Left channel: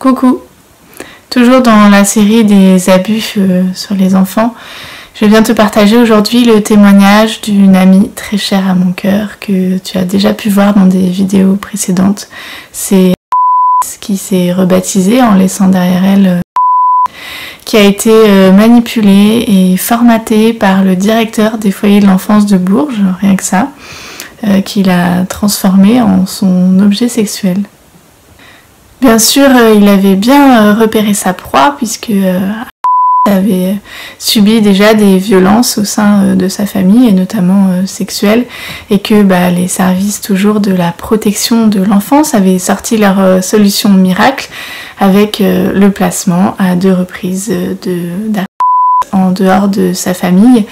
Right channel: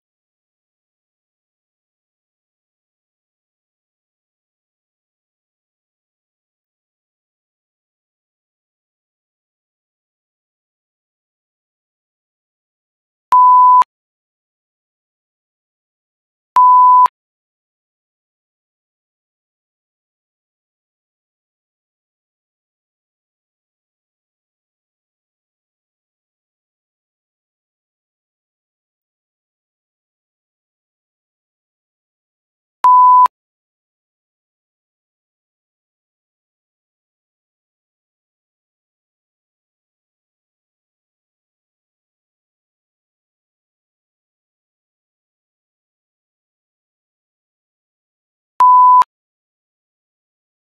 Coucou. Toujours dans la série des abus sur les enfants, je viens te partager aujourd'hui le témoignage d'une amie très chère à mon cœur que tu as déjà pu voir dans des vidéos précédentes. C'est qui s'est rebaptisée en laissant derrière elle qui a été manipulée et formatée par le directeur des foyers de l'enfance de Bourges, rien que ça, qui l'a transformée en son objet sexuel. Bien sûr, il avait bien repéré sa proie puisque avait subi déjà des violences au sein de sa famille et notamment sexuelles, et que les services toujours de la protection de l'enfance avaient sorti leur solution miracle avec le placement à 2 reprises en dehors de sa famille,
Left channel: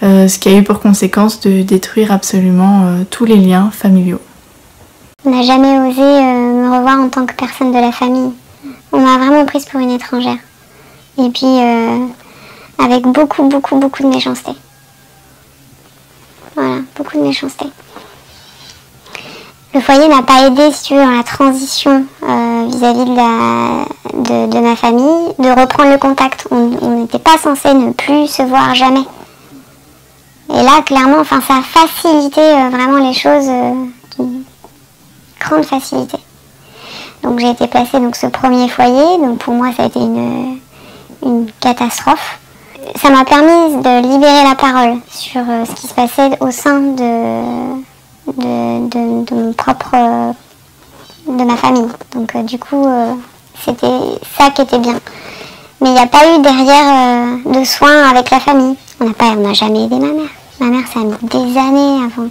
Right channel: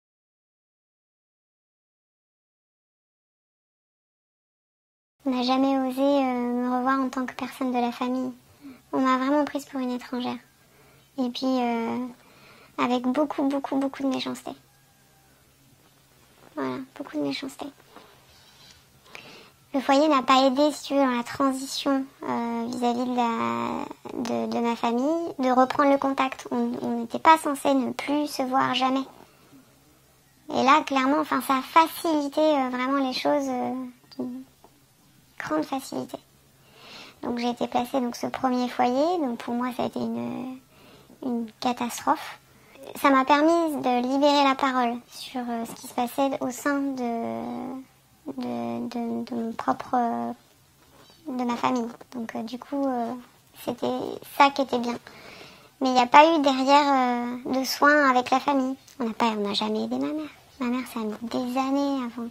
ce qui a eu pour conséquence de détruire absolument tous les liens familiaux. On n'a jamais osé me revoir en tant que personne de la famille. On m'a vraiment prise pour une étrangère. Et puis, avec beaucoup de méchanceté. Voilà, beaucoup de méchanceté. Le foyer n'a pas aidé, si tu veux, dans la transition vis-à-vis de ma famille, de reprendre le contact. On n'était pas censé ne plus se voir jamais. Et là, clairement, ça a facilité vraiment les choses grande facilité. Donc j'ai été placée dans ce premier foyer, donc pour moi ça a été une catastrophe. Ça m'a permis de libérer la parole sur ce qui se passait au sein de ma famille. Donc du coup c'était ça qui était bien. Mais il n'y a pas eu derrière de soins avec la famille. On n'a jamais aidé ma mère. Ma mère, ça a mis des années avant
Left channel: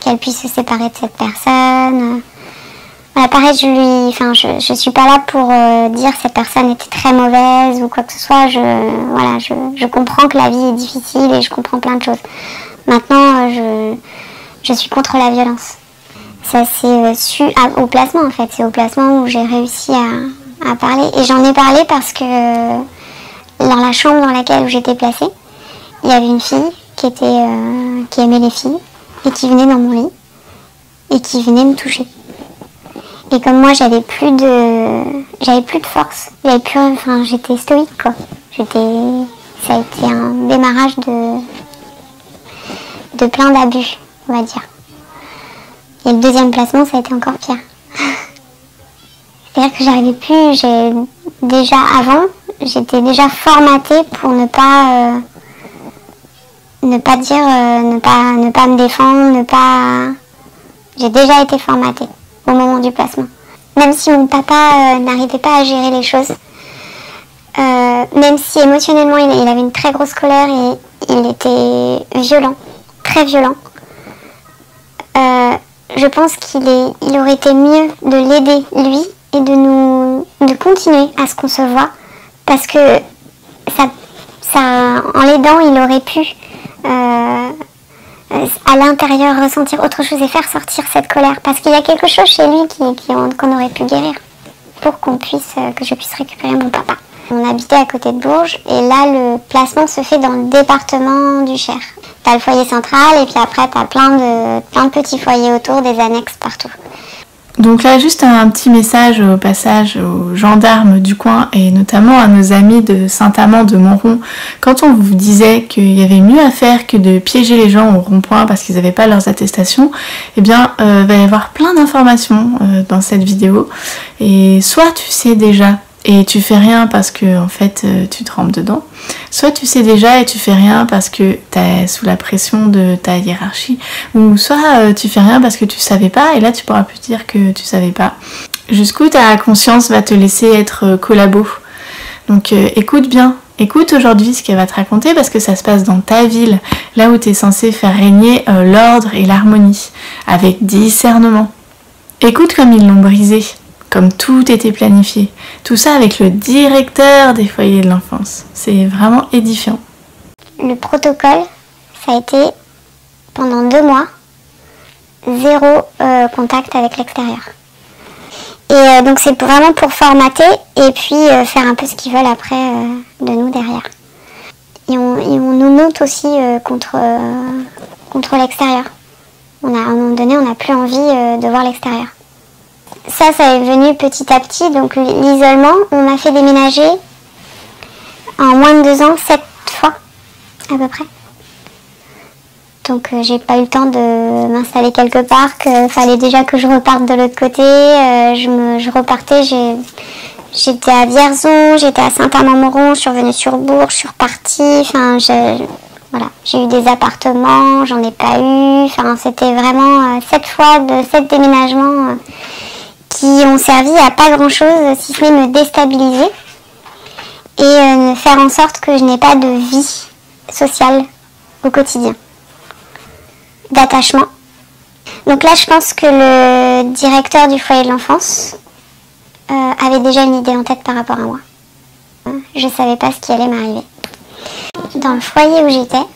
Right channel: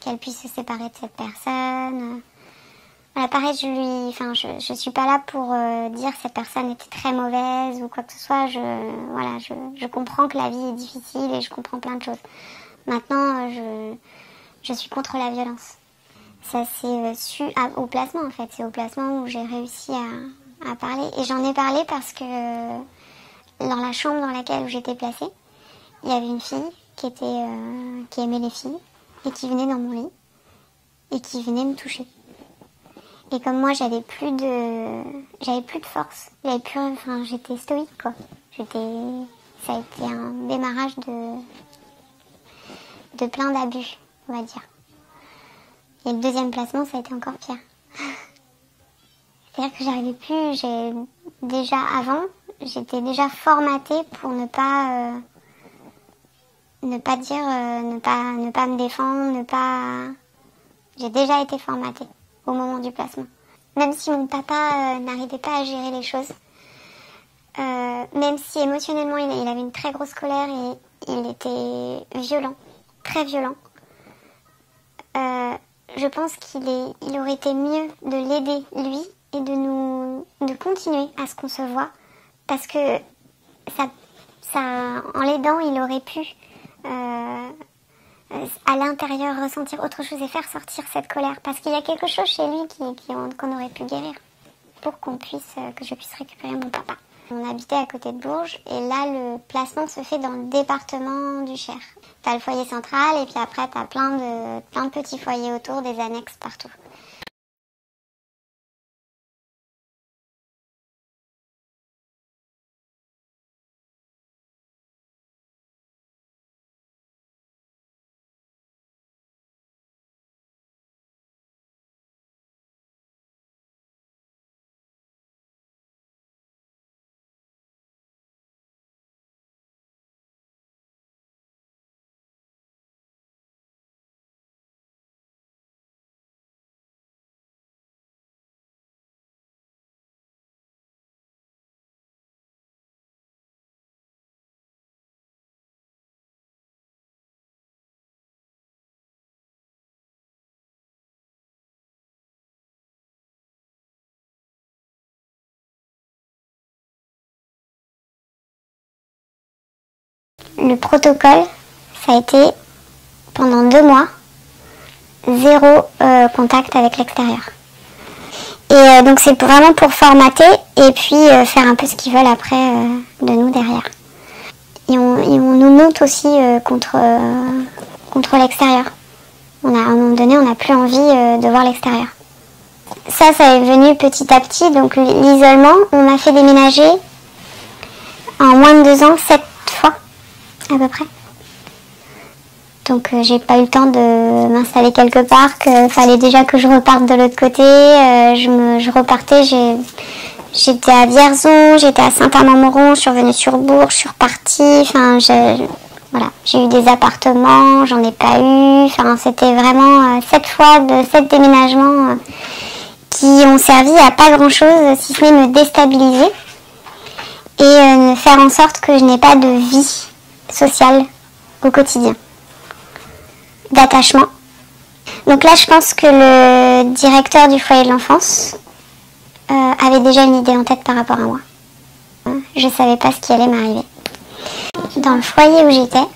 qu'elle puisse se séparer de cette personne. Voilà, pareil, je suis pas là pour dire que cette personne était très mauvaise ou quoi que ce soit. Je comprends que la vie est difficile et je comprends plein de choses. Maintenant, je suis contre la violence. Ça c'est su au placement en fait. C'est au placement où j'ai réussi à parler. Et j'en ai parlé parce que dans la chambre dans laquelle j'étais placée, il y avait une fille qui aimait les filles et qui venait dans mon lit et qui venait me toucher. Et comme moi j'avais plus de force, j'étais stoïque quoi. Ça a été un démarrage de plein d'abus, on va dire. Et le deuxième placement, ça a été encore pire. C'est-à-dire que j'arrivais plus, j'étais déjà formatée pour ne pas dire, ne pas me défendre, J'ai déjà été formatée au moment du placement. Même si mon papa n'arrivait pas à gérer les choses, même si émotionnellement il avait une très grosse colère et il était violent, très violent, je pense qu'il aurait été mieux de l'aider lui et de continuer à ce qu'on se voit, parce que en l'aidant il aurait pu à l'intérieur ressentir autre chose et faire sortir cette colère, parce qu'il y a quelque chose chez lui qu'on aurait pu guérir pour que je puisse récupérer mon papa. On habitait à côté de Bourges et là le placement se fait dans le département du Cher. T'as le foyer central et puis après t'as plein de petits foyers autour, des annexes partout. Donc là, juste un petit message au passage aux gendarmes du coin et notamment à nos amis de Saint-Amand de Montrond. Quand on vous disait qu'il y avait mieux à faire que de piéger les gens au rond-point parce qu'ils n'avaient pas leurs attestations, eh bien, va y avoir plein d'informations dans cette vidéo. Et soit tu sais déjà et tu fais rien parce que en fait tu te trempes dedans, soit tu sais déjà et tu fais rien parce que t'es sous la pression de ta hiérarchie, ou soit tu fais rien parce que tu savais pas et là tu pourras plus dire que tu savais pas. Jusqu'où ta conscience va te laisser être collabo. Donc écoute bien, écoute aujourd'hui ce qu'elle va te raconter parce que ça se passe dans ta ville, là où tu es censé faire régner l'ordre et l'harmonie, avec discernement. Écoute comme ils l'ont brisé. Comme tout était planifié. Tout ça avec le directeur des foyers de l'enfance. C'est vraiment édifiant. Le protocole, ça a été pendant 2 mois, 0 contact avec l'extérieur. Et donc c'est vraiment pour formater et puis faire un peu ce qu'ils veulent après de nous derrière. Et on nous monte aussi contre l'extérieur. À un moment donné, on n'a plus envie de voir l'extérieur. Ça est venu petit à petit. Donc l'isolement, on m'a fait déménager en moins de 2 ans 7 fois à peu près. Donc j'ai pas eu le temps de m'installer quelque part, qu'il fallait déjà que je reparte de l'autre côté. Je repartais, j'étais à Vierzon, j'étais à Saint-Amand-Moron, je suis revenue sur Bourges, je suis repartie. Enfin, voilà, j'ai eu des appartements, j'en ai pas eu. Enfin, c'était vraiment 7 fois de 7 déménagements qui ont servi à pas grand-chose, si ce n'est me déstabiliser et me faire en sorte que je n'ai pas de vie sociale au quotidien, d'attachement. Donc là, je pense que le directeur du foyer de l'enfance avait déjà une idée en tête par rapport à moi. Je ne savais pas ce qui allait m'arriver. Dans le foyer où j'étais,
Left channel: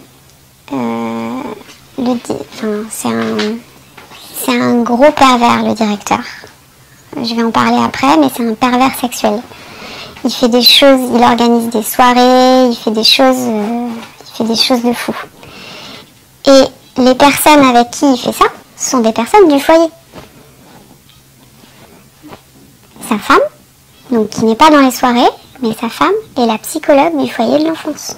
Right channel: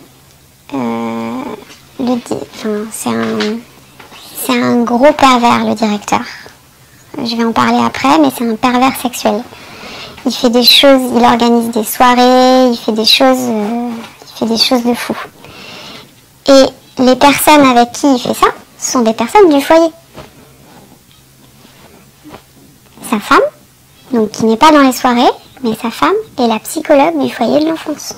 c'est un gros pervers, le directeur. Je vais en parler après, mais c'est un pervers sexuel. Il fait des choses, il organise des soirées, il fait des choses de fou. Et les personnes avec qui il fait ça sont des personnes du foyer. Sa femme, donc qui n'est pas dans les soirées, mais sa femme est la psychologue du foyer de l'enfance.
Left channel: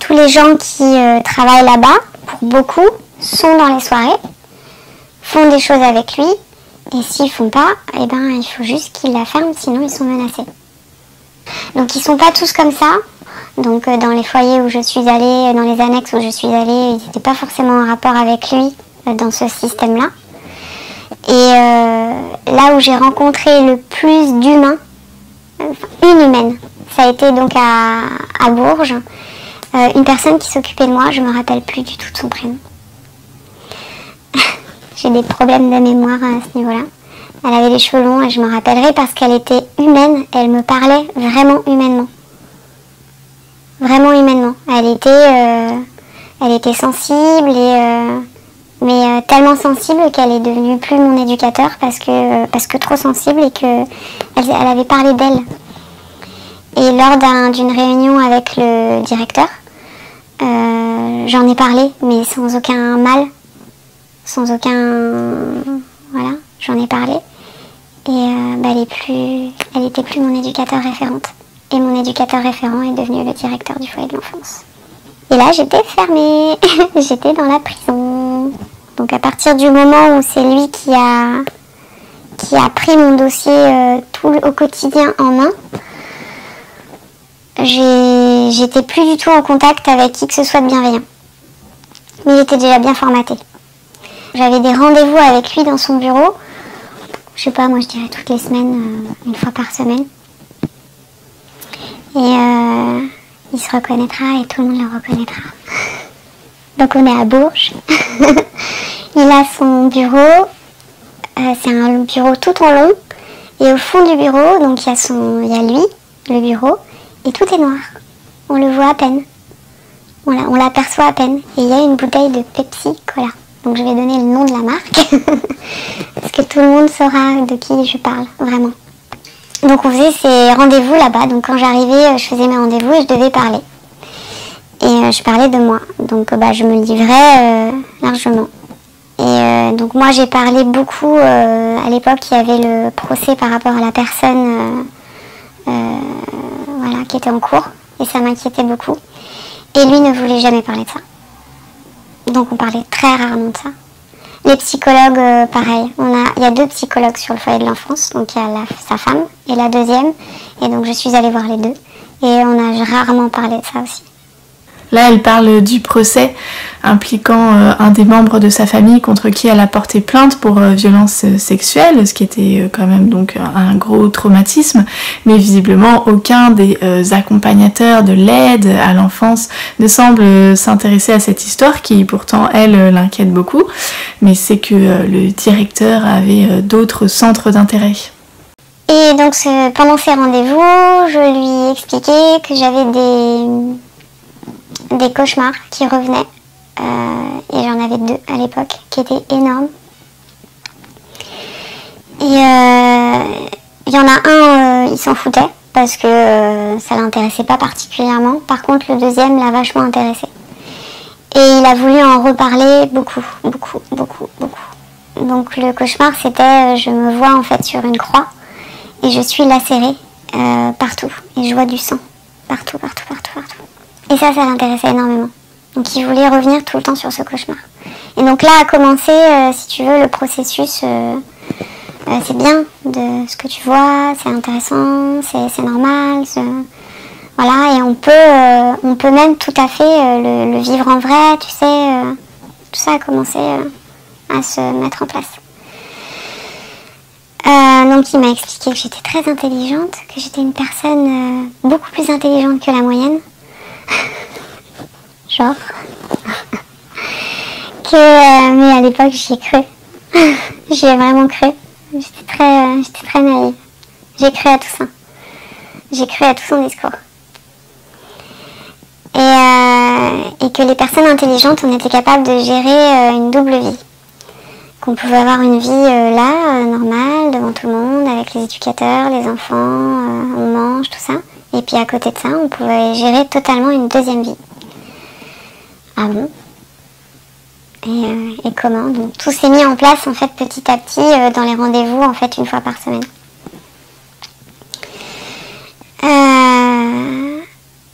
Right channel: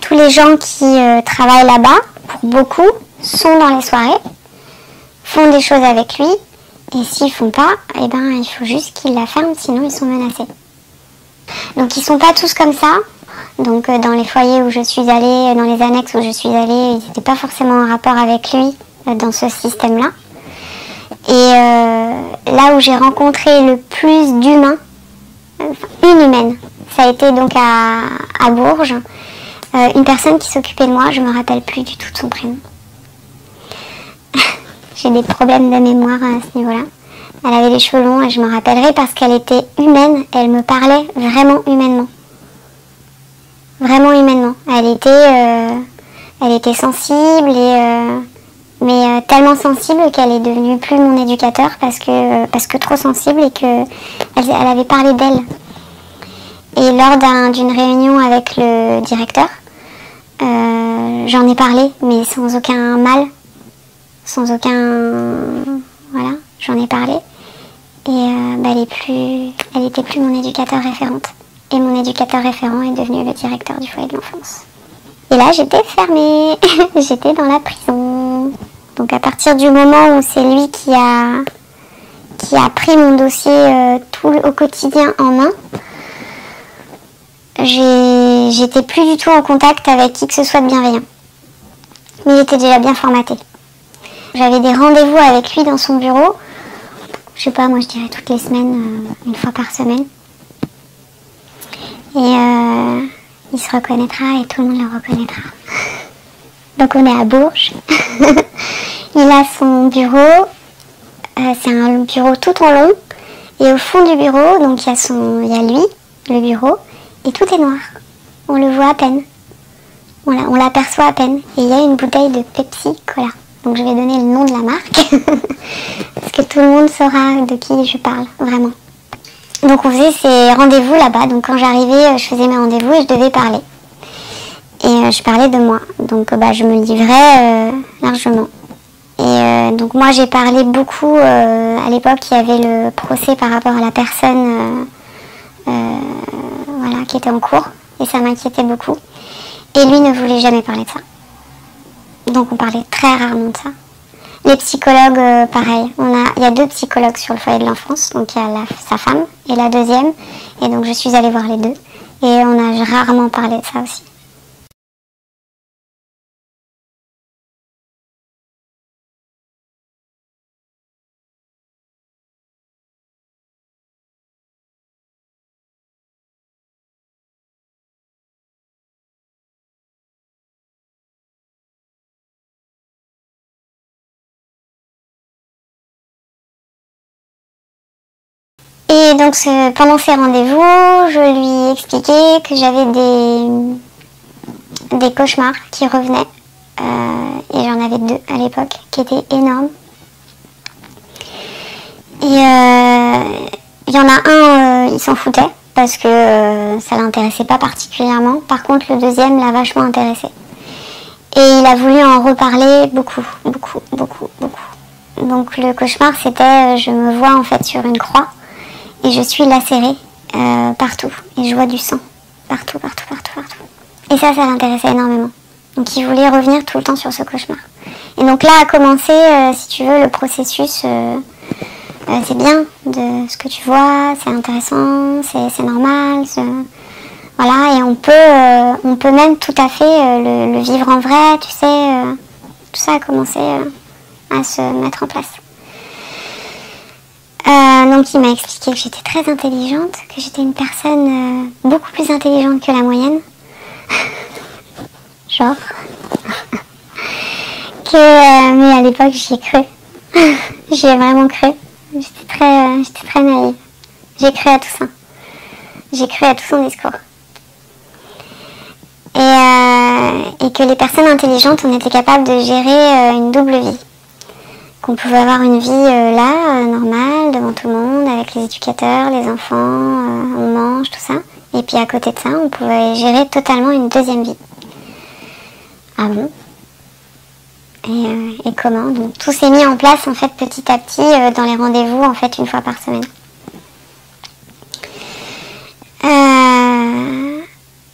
Tous les gens qui travaillent là-bas, pour beaucoup, sont dans les soirées, font des choses avec lui, et s'ils font pas, eh ben, il faut juste qu'ils la ferment, sinon ils sont menacés. Donc ils sont pas tous comme ça. Donc dans les foyers où je suis allée, dans les annexes où je suis allée, ils n'étaient pas forcément en rapport avec lui dans ce système-là. Et là où j'ai rencontré le plus d'humains, une humaine, ça a été donc à Bourges, une personne qui s'occupait de moi, je me rappelle plus du tout de son prénom. J'ai des problèmes de mémoire à ce niveau-là. Elle avait les cheveux longs et je me rappellerai parce qu'elle était humaine, elle me parlait vraiment humainement. Vraiment humainement. Elle était sensible mais tellement sensible qu'elle est devenue plus mon éducateur parce que trop sensible et que elle avait parlé d'elle. Et lors d'une réunion avec le directeur, j'en ai parlé, mais sans aucun mal, voilà, j'en ai parlé. Et elle était plus mon éducateur référente. Et mon éducateur référent est devenu le directeur du foyer de l'enfance. Et là, j'étais fermée. J'étais dans la prison. Donc à partir du moment où c'est lui qui a pris mon dossier tout au quotidien en main, j'étais plus du tout en contact avec qui que ce soit de bienveillant. Mais il était déjà bien formaté. J'avais des rendez-vous avec lui dans son bureau. Je sais pas, moi je dirais toutes les semaines, une fois par semaine. Et il se reconnaîtra et tout le monde le reconnaîtra. Donc on est à Bourges. Il a son bureau. C'est un bureau tout en long. Et au fond du bureau, donc il y a lui, le bureau, et tout est noir. On le voit à peine. On l'aperçoit à peine. Et il y a une bouteille de Pepsi, voilà. Donc je vais donner le nom de la marque. Parce que tout le monde saura de qui je parle, vraiment. Donc on faisait ces rendez-vous là-bas. Donc quand j'arrivais, je faisais mes rendez-vous et je devais parler. Et je parlais de moi. Donc je me livrais largement. Et donc moi j'ai parlé beaucoup. À l'époque il y avait le procès par rapport à la personne qui était en cours. Et ça m'inquiétait beaucoup. Et lui ne voulait jamais parler de ça. Donc on parlait très rarement de ça. Les psychologues, pareil. Il y a 2 psychologues sur le foyer de l'enfance. Donc il y a sa femme et la deuxième. Et donc je suis allée voir les 2. Et on a rarement parlé de ça aussi. Là, elle parle du procès impliquant un des membres de sa famille contre qui elle a porté plainte pour violence sexuelle, ce qui était quand même donc un gros traumatisme. Mais visiblement, aucun des accompagnateurs de l'aide à l'enfance ne semble s'intéresser à cette histoire qui pourtant, elle, l'inquiète beaucoup. Mais c'est que le directeur avait d'autres centres d'intérêt. Et donc pendant ces rendez-vous, je lui expliquais que j'avais des cauchemars qui revenaient. Et j'en avais 2 à l'époque qui étaient énormes. Et il y en a un, il s'en foutait parce que ça l'intéressait pas particulièrement. Par contre, le deuxième l'a vachement intéressé. Et il a voulu en reparler beaucoup. Donc le cauchemar c'était, je me vois en fait sur une croix et je suis lacérée partout et je vois du sang partout. Et ça l'intéressait énormément. Donc il voulait revenir tout le temps sur ce cauchemar. Et donc là a commencé, si tu veux, le processus. C'est bien de ce que tu vois, c'est intéressant, c'est normal. Voilà, et on peut même tout à fait le vivre en vrai, tu sais. Tout ça a commencé à se mettre en place. Donc il m'a expliqué que j'étais très intelligente, que j'étais une personne beaucoup plus intelligente que la moyenne. Genre. Mais à l'époque j'y ai cru. J'y ai vraiment cru. J'étais très naïve. J'ai cru à tout ça. J'ai cru à tout son discours. Et que les personnes intelligentes, on était capable de gérer une double vie. Qu'on pouvait avoir une vie normale, devant tout le monde, avec les éducateurs, les enfants, on mange, tout ça. Et puis à côté de ça, on pouvait gérer totalement une deuxième vie. Ah bon ? Et comment ? Donc tout s'est mis en place en fait petit à petit dans les rendez-vous en fait une fois par semaine.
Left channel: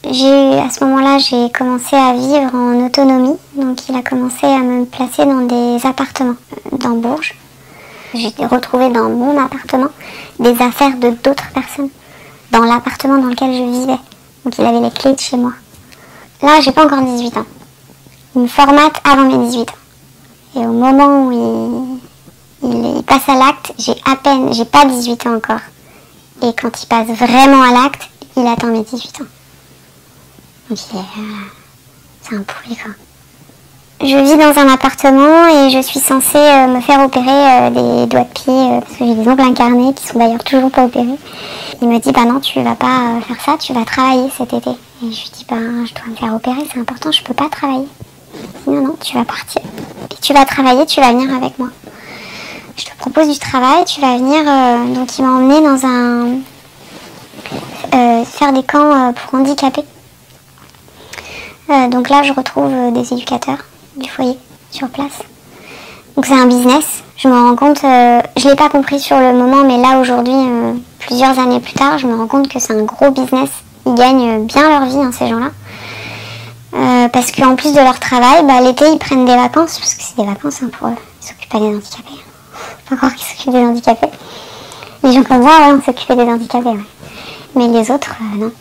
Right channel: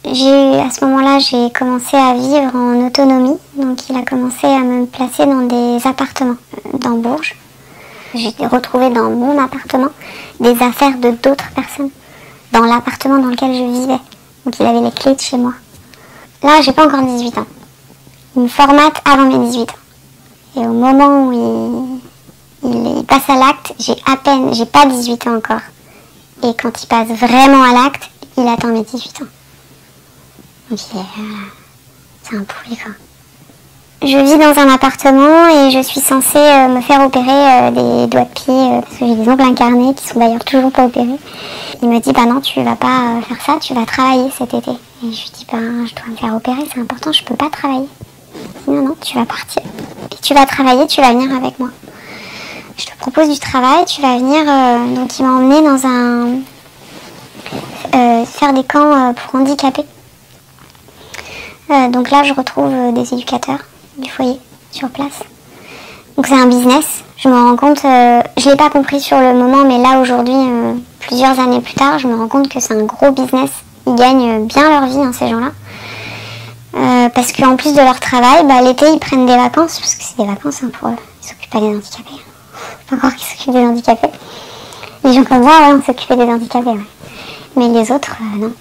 À ce moment-là, j'ai commencé à vivre en autonomie. Donc il a commencé à me placer dans des appartements dans Bourges. J'ai retrouvé dans mon appartement des affaires de d'autres personnes dans l'appartement dans lequel je vivais. Donc il avait les clés de chez moi. Là, j'ai pas encore 18 ans. Il me formate avant mes 18 ans. Et au moment où il passe à l'acte, j'ai pas 18 ans encore. Et quand il passe vraiment à l'acte, il attend mes 18 ans. Donc c'est un pourri quoi. Je vis dans un appartement et je suis censée me faire opérer des doigts de pied parce que j'ai des ongles incarnés qui sont d'ailleurs toujours pas opérés. Il me dit bah non tu vas pas faire ça, tu vas travailler cet été. Et je lui dis bah je dois me faire opérer, c'est important, je peux pas travailler. Non, tu vas partir. Et tu vas travailler, tu vas venir avec moi. Je te propose du travail, tu vas venir. Donc il m'a emmené dans faire des camps pour handicapés. Donc là je retrouve des éducateurs du foyer sur place. Donc c'est un business. Je me rends compte, je l'ai pas compris sur le moment, mais là aujourd'hui, plusieurs années plus tard, je me rends compte que c'est un gros business. Ils gagnent bien leur vie, hein, ces gens-là. Parce qu'en plus de leur travail, l'été ils prennent des vacances, parce que c'est des vacances pour eux, ils s'occupent pas des handicapés. Faut croire qu'ils s'occupent des handicapés. Les gens comme ça, on s'occupait des handicapés, ouais. Mais les autres, non.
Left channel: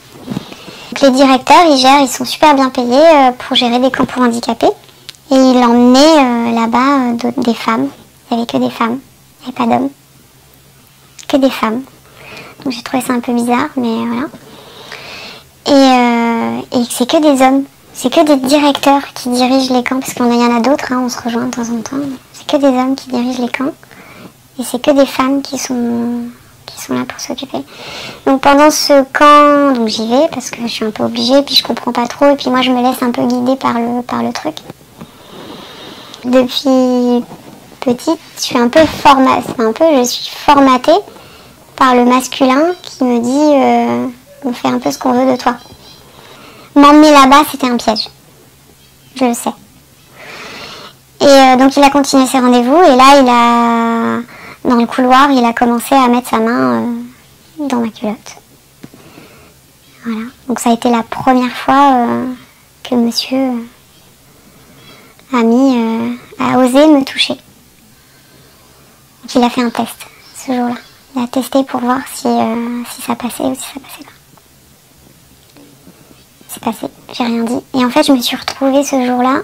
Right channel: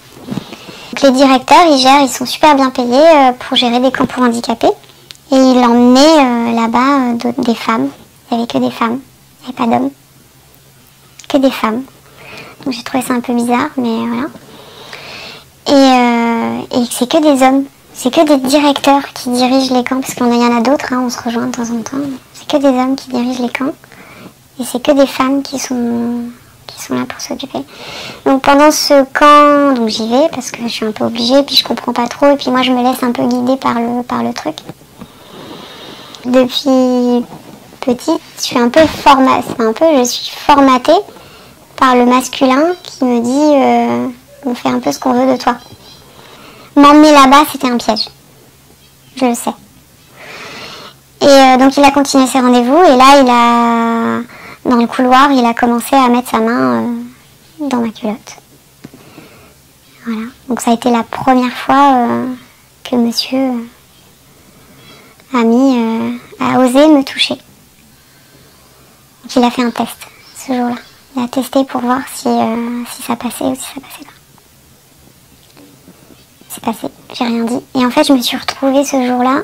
Donc les directeurs, ils sont super bien payés pour gérer des camps pour handicapés. Et ils emmenaient là-bas des femmes. Il n'y avait que des femmes, il n'y avait pas d'hommes. Que des femmes. Donc j'ai trouvé ça un peu bizarre, mais voilà. Et c'est que des hommes. C'est que des directeurs qui dirigent les camps, parce qu'il y en a d'autres, hein, on se rejoint de temps en temps. C'est que des hommes qui dirigent les camps. Et c'est que des femmes qui sont là pour s'occuper. Donc pendant ce camp, donc j'y vais, parce que je suis un peu obligée, puis je comprends pas trop, et puis moi je me laisse un peu guider par le truc. Depuis petite, je suis je suis formatée par le masculin qui me dit on fait un peu ce qu'on veut de toi. M'emmener là-bas, c'était un piège. Je le sais. Et donc il a continué ses rendez-vous et là, dans le couloir, il a commencé à mettre sa main dans ma culotte. Voilà. Donc ça a été la première fois que monsieur a osé me toucher. Donc il a fait un test ce jour-là. Il a testé pour voir si ça passait ou si ça passait pas. C'est passé, j'ai rien dit. Et en fait, je me suis retrouvée ce jour-là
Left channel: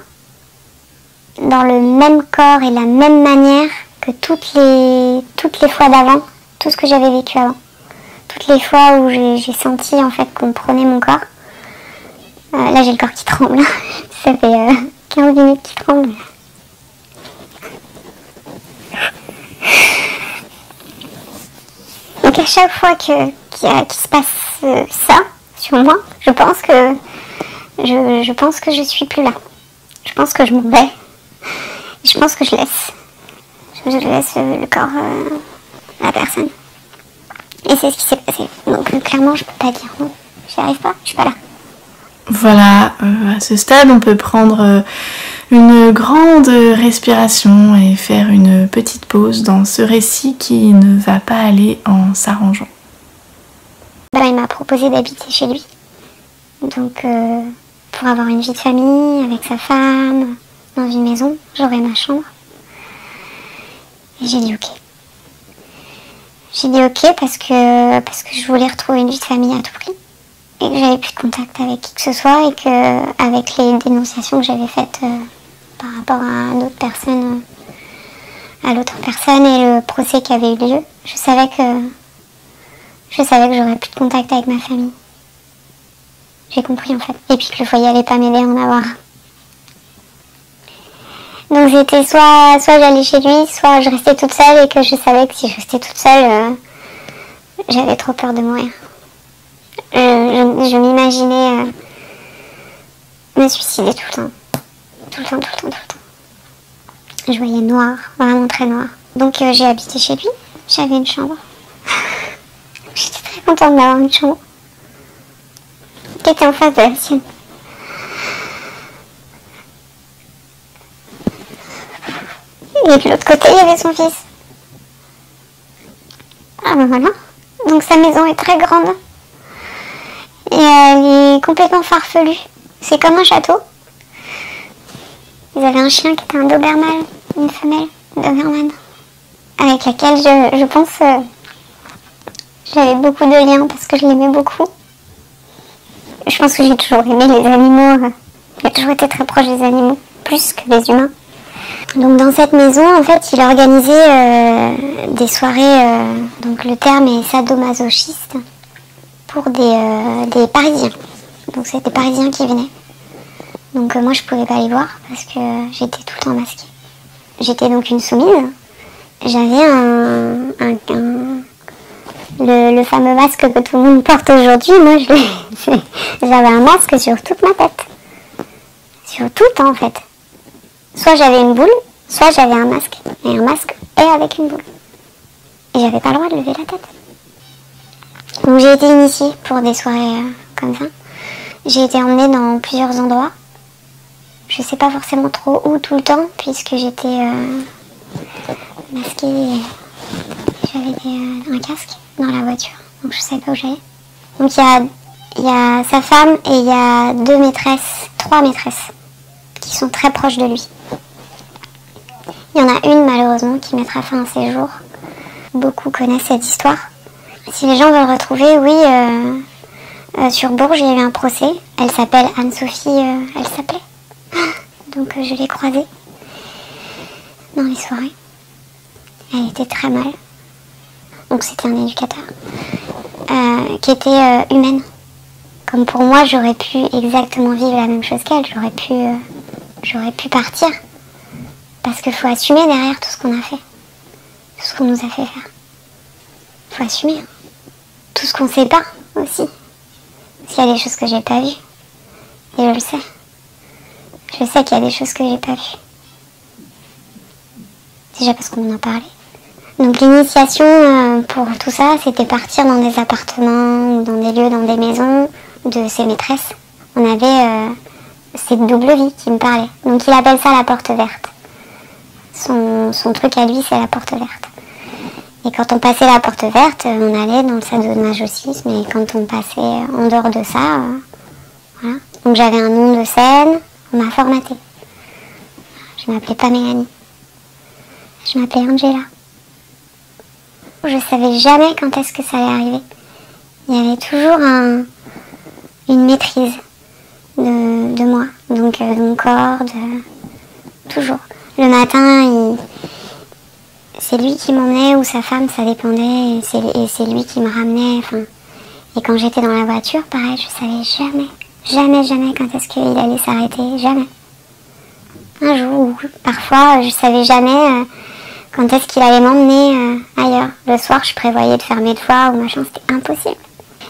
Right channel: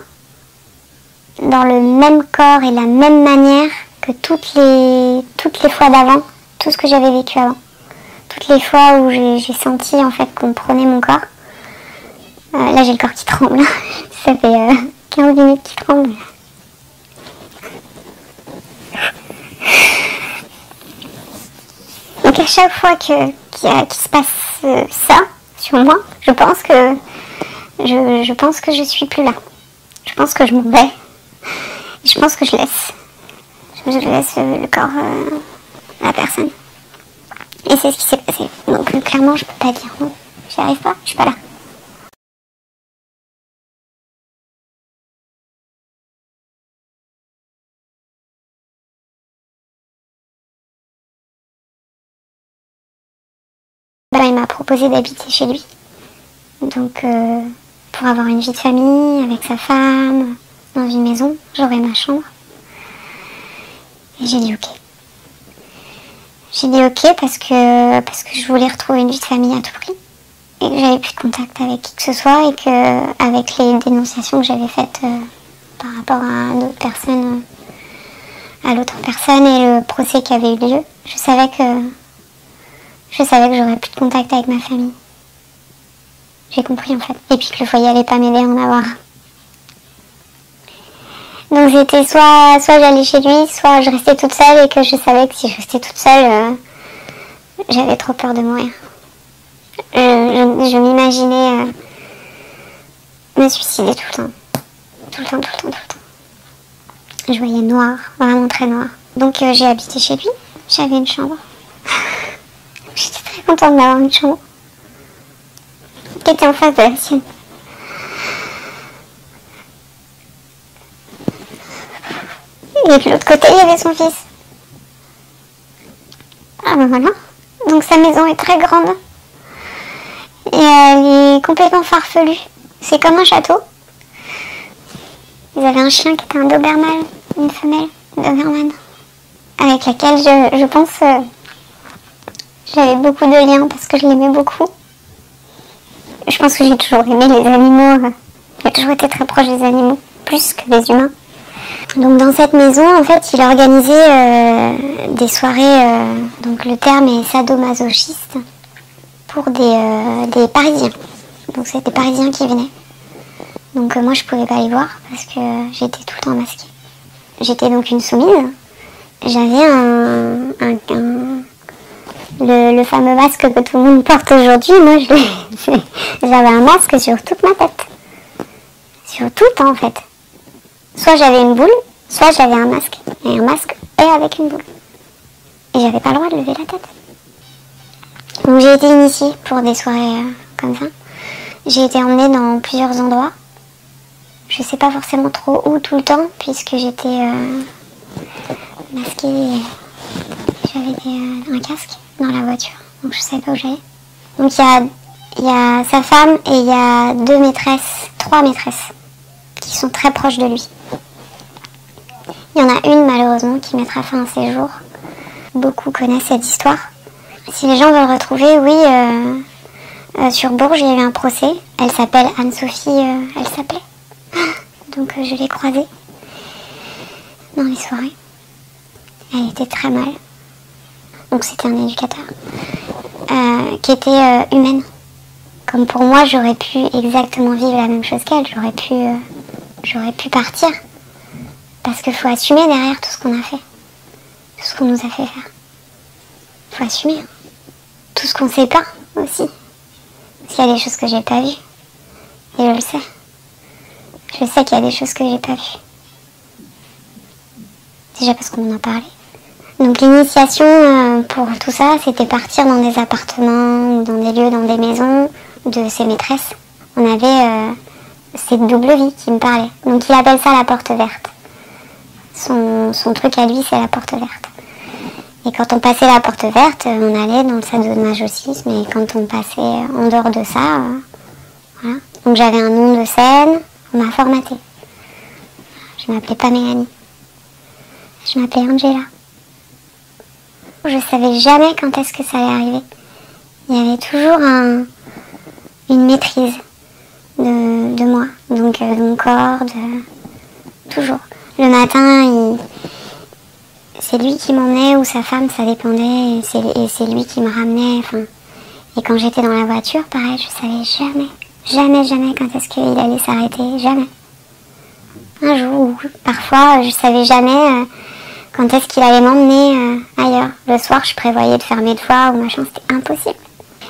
dans le même corps et la même manière que toutes les fois d'avant, tout ce que j'avais vécu avant. Toutes les fois où j'ai senti en fait qu'on prenait mon corps. Là, j'ai le corps qui tremble. Ça fait 15 minutes qu'il tremble. Donc à chaque fois qu'il se passe ça sur moi, je pense que je suis plus là. Je pense que je m'en vais. Je pense que je laisse le corps à la personne. Et c'est ce qui s'est passé. Donc clairement, je peux pas dire non. J'y arrive pas, je suis pas là. Voilà, à ce stade, on peut prendre une grande respiration et faire une petite pause dans ce récit qui ne va pas aller en s'arrangeant. Il m'a proposé d'habiter chez lui. Donc, pour avoir une vie de famille avec sa femme, dans une maison, j'aurais ma chambre. Et j'ai dit ok. J'ai dit ok parce que je voulais retrouver une vie de famille à tout prix. Et que j'avais plus de contact avec qui que ce soit et que avec les dénonciations que j'avais faites par rapport à l'autre personne et le procès qui avait eu lieu, je savais que j'aurais plus de contact avec ma famille. J'ai compris en fait. Et puis que le foyer allait pas m'aider à en avoir. Donc c'était soit j'allais chez lui, soit je restais toute seule et que je savais que si je restais toute seule, j'avais trop peur de mourir. Je m'imaginais me suicider tout le temps. Tout le temps. Je voyais noir, vraiment très noir. Donc j'ai habité chez lui, j'avais une chambre. J'étais très contente d'avoir une chambre qui était en face de la sienne. Et puis de l'autre côté, il y avait son fils. Ah ben voilà. Donc sa maison est très grande. Et elle est complètement farfelue. C'est comme un château. Ils avaient un chien qui était un Doberman, une femelle Doberman, avec laquelle je pense j'avais beaucoup de liens parce que je l'aimais beaucoup. Je pense que j'ai toujours aimé les animaux. J'ai toujours été très proche des animaux, plus que des humains. Donc dans cette maison, en fait, il organisait des soirées, donc le terme est sadomasochiste, pour des Parisiens. Donc c'était des Parisiens qui venaient. Donc moi je pouvais pas les voir parce que j'étais tout le temps masquée. J'étais donc une soumise. J'avais le fameux masque que tout le monde porte aujourd'hui. Moi j'avais un masque sur toute ma tête. Sur tout en fait. Soit j'avais une boule, soit j'avais un masque. Et un masque et avec une boule. Et j'avais pas le droit de lever la tête. Donc j'ai été initiée pour des soirées comme ça. J'ai été emmenée dans plusieurs endroits. Je sais pas forcément trop où tout le temps, puisque j'étais masquée. J'avais un casque dans la voiture, donc je sais pas où j'allais. Donc il y a sa femme et il y a trois maîtresses, qui sont très proches de lui. Il y en a une malheureusement qui mettra fin à ses jours. Beaucoup connaissent cette histoire. Si les gens veulent retrouver, oui, sur Bourges, il y a eu un procès. Elle s'appelle Anne-Sophie, elle s'appelait. Donc je l'ai croisée dans les soirées. Elle était très mal. Donc c'était un éducateur qui était humaine. Comme pour moi, j'aurais pu exactement vivre la même chose qu'elle. J'aurais pu partir. Parce qu'il faut assumer derrière tout ce qu'on a fait. Tout ce qu'on nous a fait faire. Il faut assumer. Tout ce qu'on sait pas aussi. S'il y a des choses que j'ai pas vues. Et je le sais. Je sais qu'il y a des choses que j'ai pas vues. Déjà parce qu'on en parlait. Donc l'initiation pour tout ça, c'était partir dans des appartements, dans des lieux, dans des maisons de ses maîtresses. On avait cette double vie qui me parlait. Donc il appelle ça la porte verte. Son truc à lui, c'est la porte verte. Et quand on passait la porte verte, on allait dans le sadomasochisme. Et quand on passait en dehors de ça, voilà. Donc j'avais un nom de scène, on m'a formaté. Je m'appelais pas Mélanie. Je m'appelais Angela. Je savais jamais quand est-ce que ça allait arriver. Il y avait toujours une maîtrise de moi. Donc de mon corps, toujours. Le matin, c'est lui qui m'emmenait ou sa femme, ça dépendait. Et c'est lui qui me ramenait. Enfin, et quand j'étais dans la voiture, pareil, je savais jamais quand est-ce qu'il allait s'arrêter. Jamais. Un jour, parfois, je savais jamais quand est-ce qu'il allait m'emmener ailleurs. Le soir, je prévoyais de faire mes devoirs ou machin, c'était impossible.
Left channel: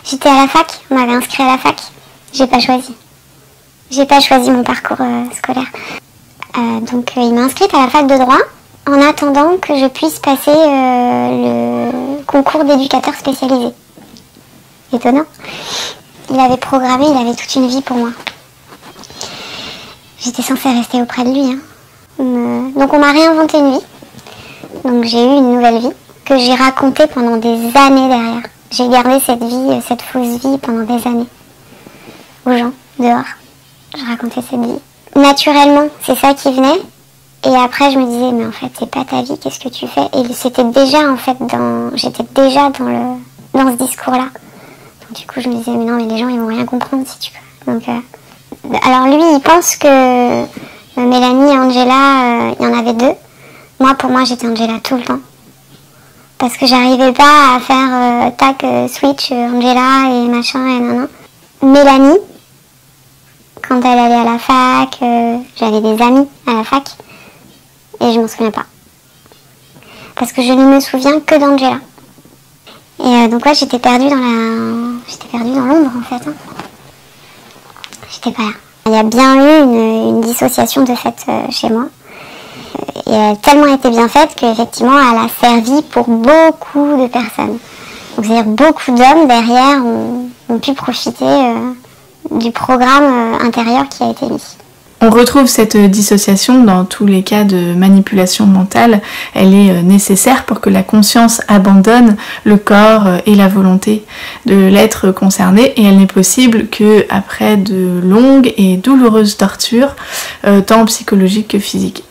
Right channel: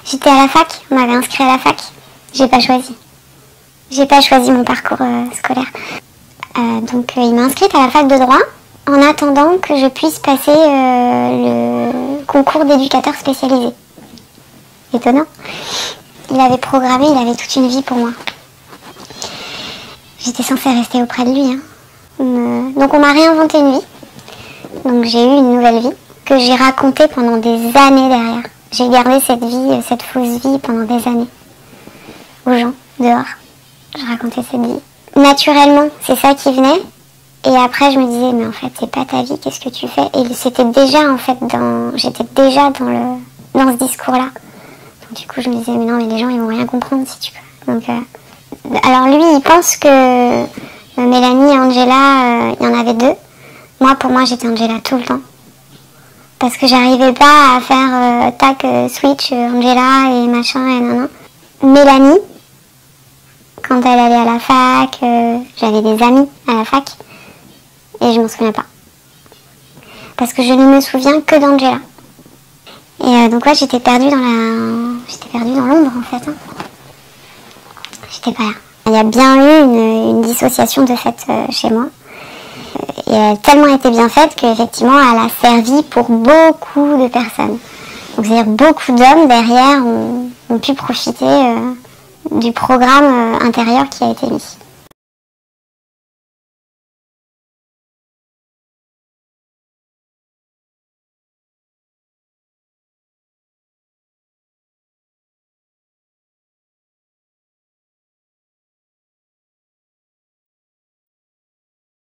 J'étais à la fac, on m'avait inscrit à la fac. J'ai pas choisi. J'ai pas choisi mon parcours scolaire. Donc il m'a inscrite à la fac de droit en attendant que je puisse passer le concours d'éducateur spécialisé. Étonnant. Il avait programmé, il avait toute une vie pour moi. J'étais censée rester auprès de lui. Hein. Donc on m'a réinventé une vie. Donc j'ai eu une nouvelle vie que j'ai racontée pendant des années derrière. J'ai gardé cette vie, cette fausse vie pendant des années. Aux gens, dehors. Je racontais cette vie. Naturellement, c'est ça qui venait. Et après, je me disais, mais en fait, c'est pas ta vie, qu'est-ce que tu fais? Et c'était déjà, en fait, j'étais déjà dans ce discours-là. Donc, du coup, je me disais, mais non, mais les gens, ils vont rien comprendre, si tu veux. Donc, alors lui, il pense que Mélanie et Angela, il y en avait deux. Moi, pour moi, j'étais Angela tout le temps. Parce que j'arrivais pas à faire switch, Angela et machin et nanana. Mélanie, quand elle allait à la fac, j'avais des amis à la fac. Et je m'en souviens pas. Parce que je ne me souviens que d'Angela. Et donc là, j'étais perdue dans l'ombre, en fait. Hein. J'étais pas là. Il y a bien eu une dissociation de fait chez moi. Et elle a tellement été bien faite qu'effectivement, elle a servi pour beaucoup de personnes. Donc, c'est-à-dire beaucoup d'hommes derrière ont pu profiter du programme intérieur qui a été mis. On retrouve cette dissociation dans tous les cas de manipulation mentale. Elle est nécessaire pour que la conscience abandonne le corps et la volonté de l'être concerné, et elle n'est possible qu'après de longues et douloureuses tortures, tant psychologiques que physiques.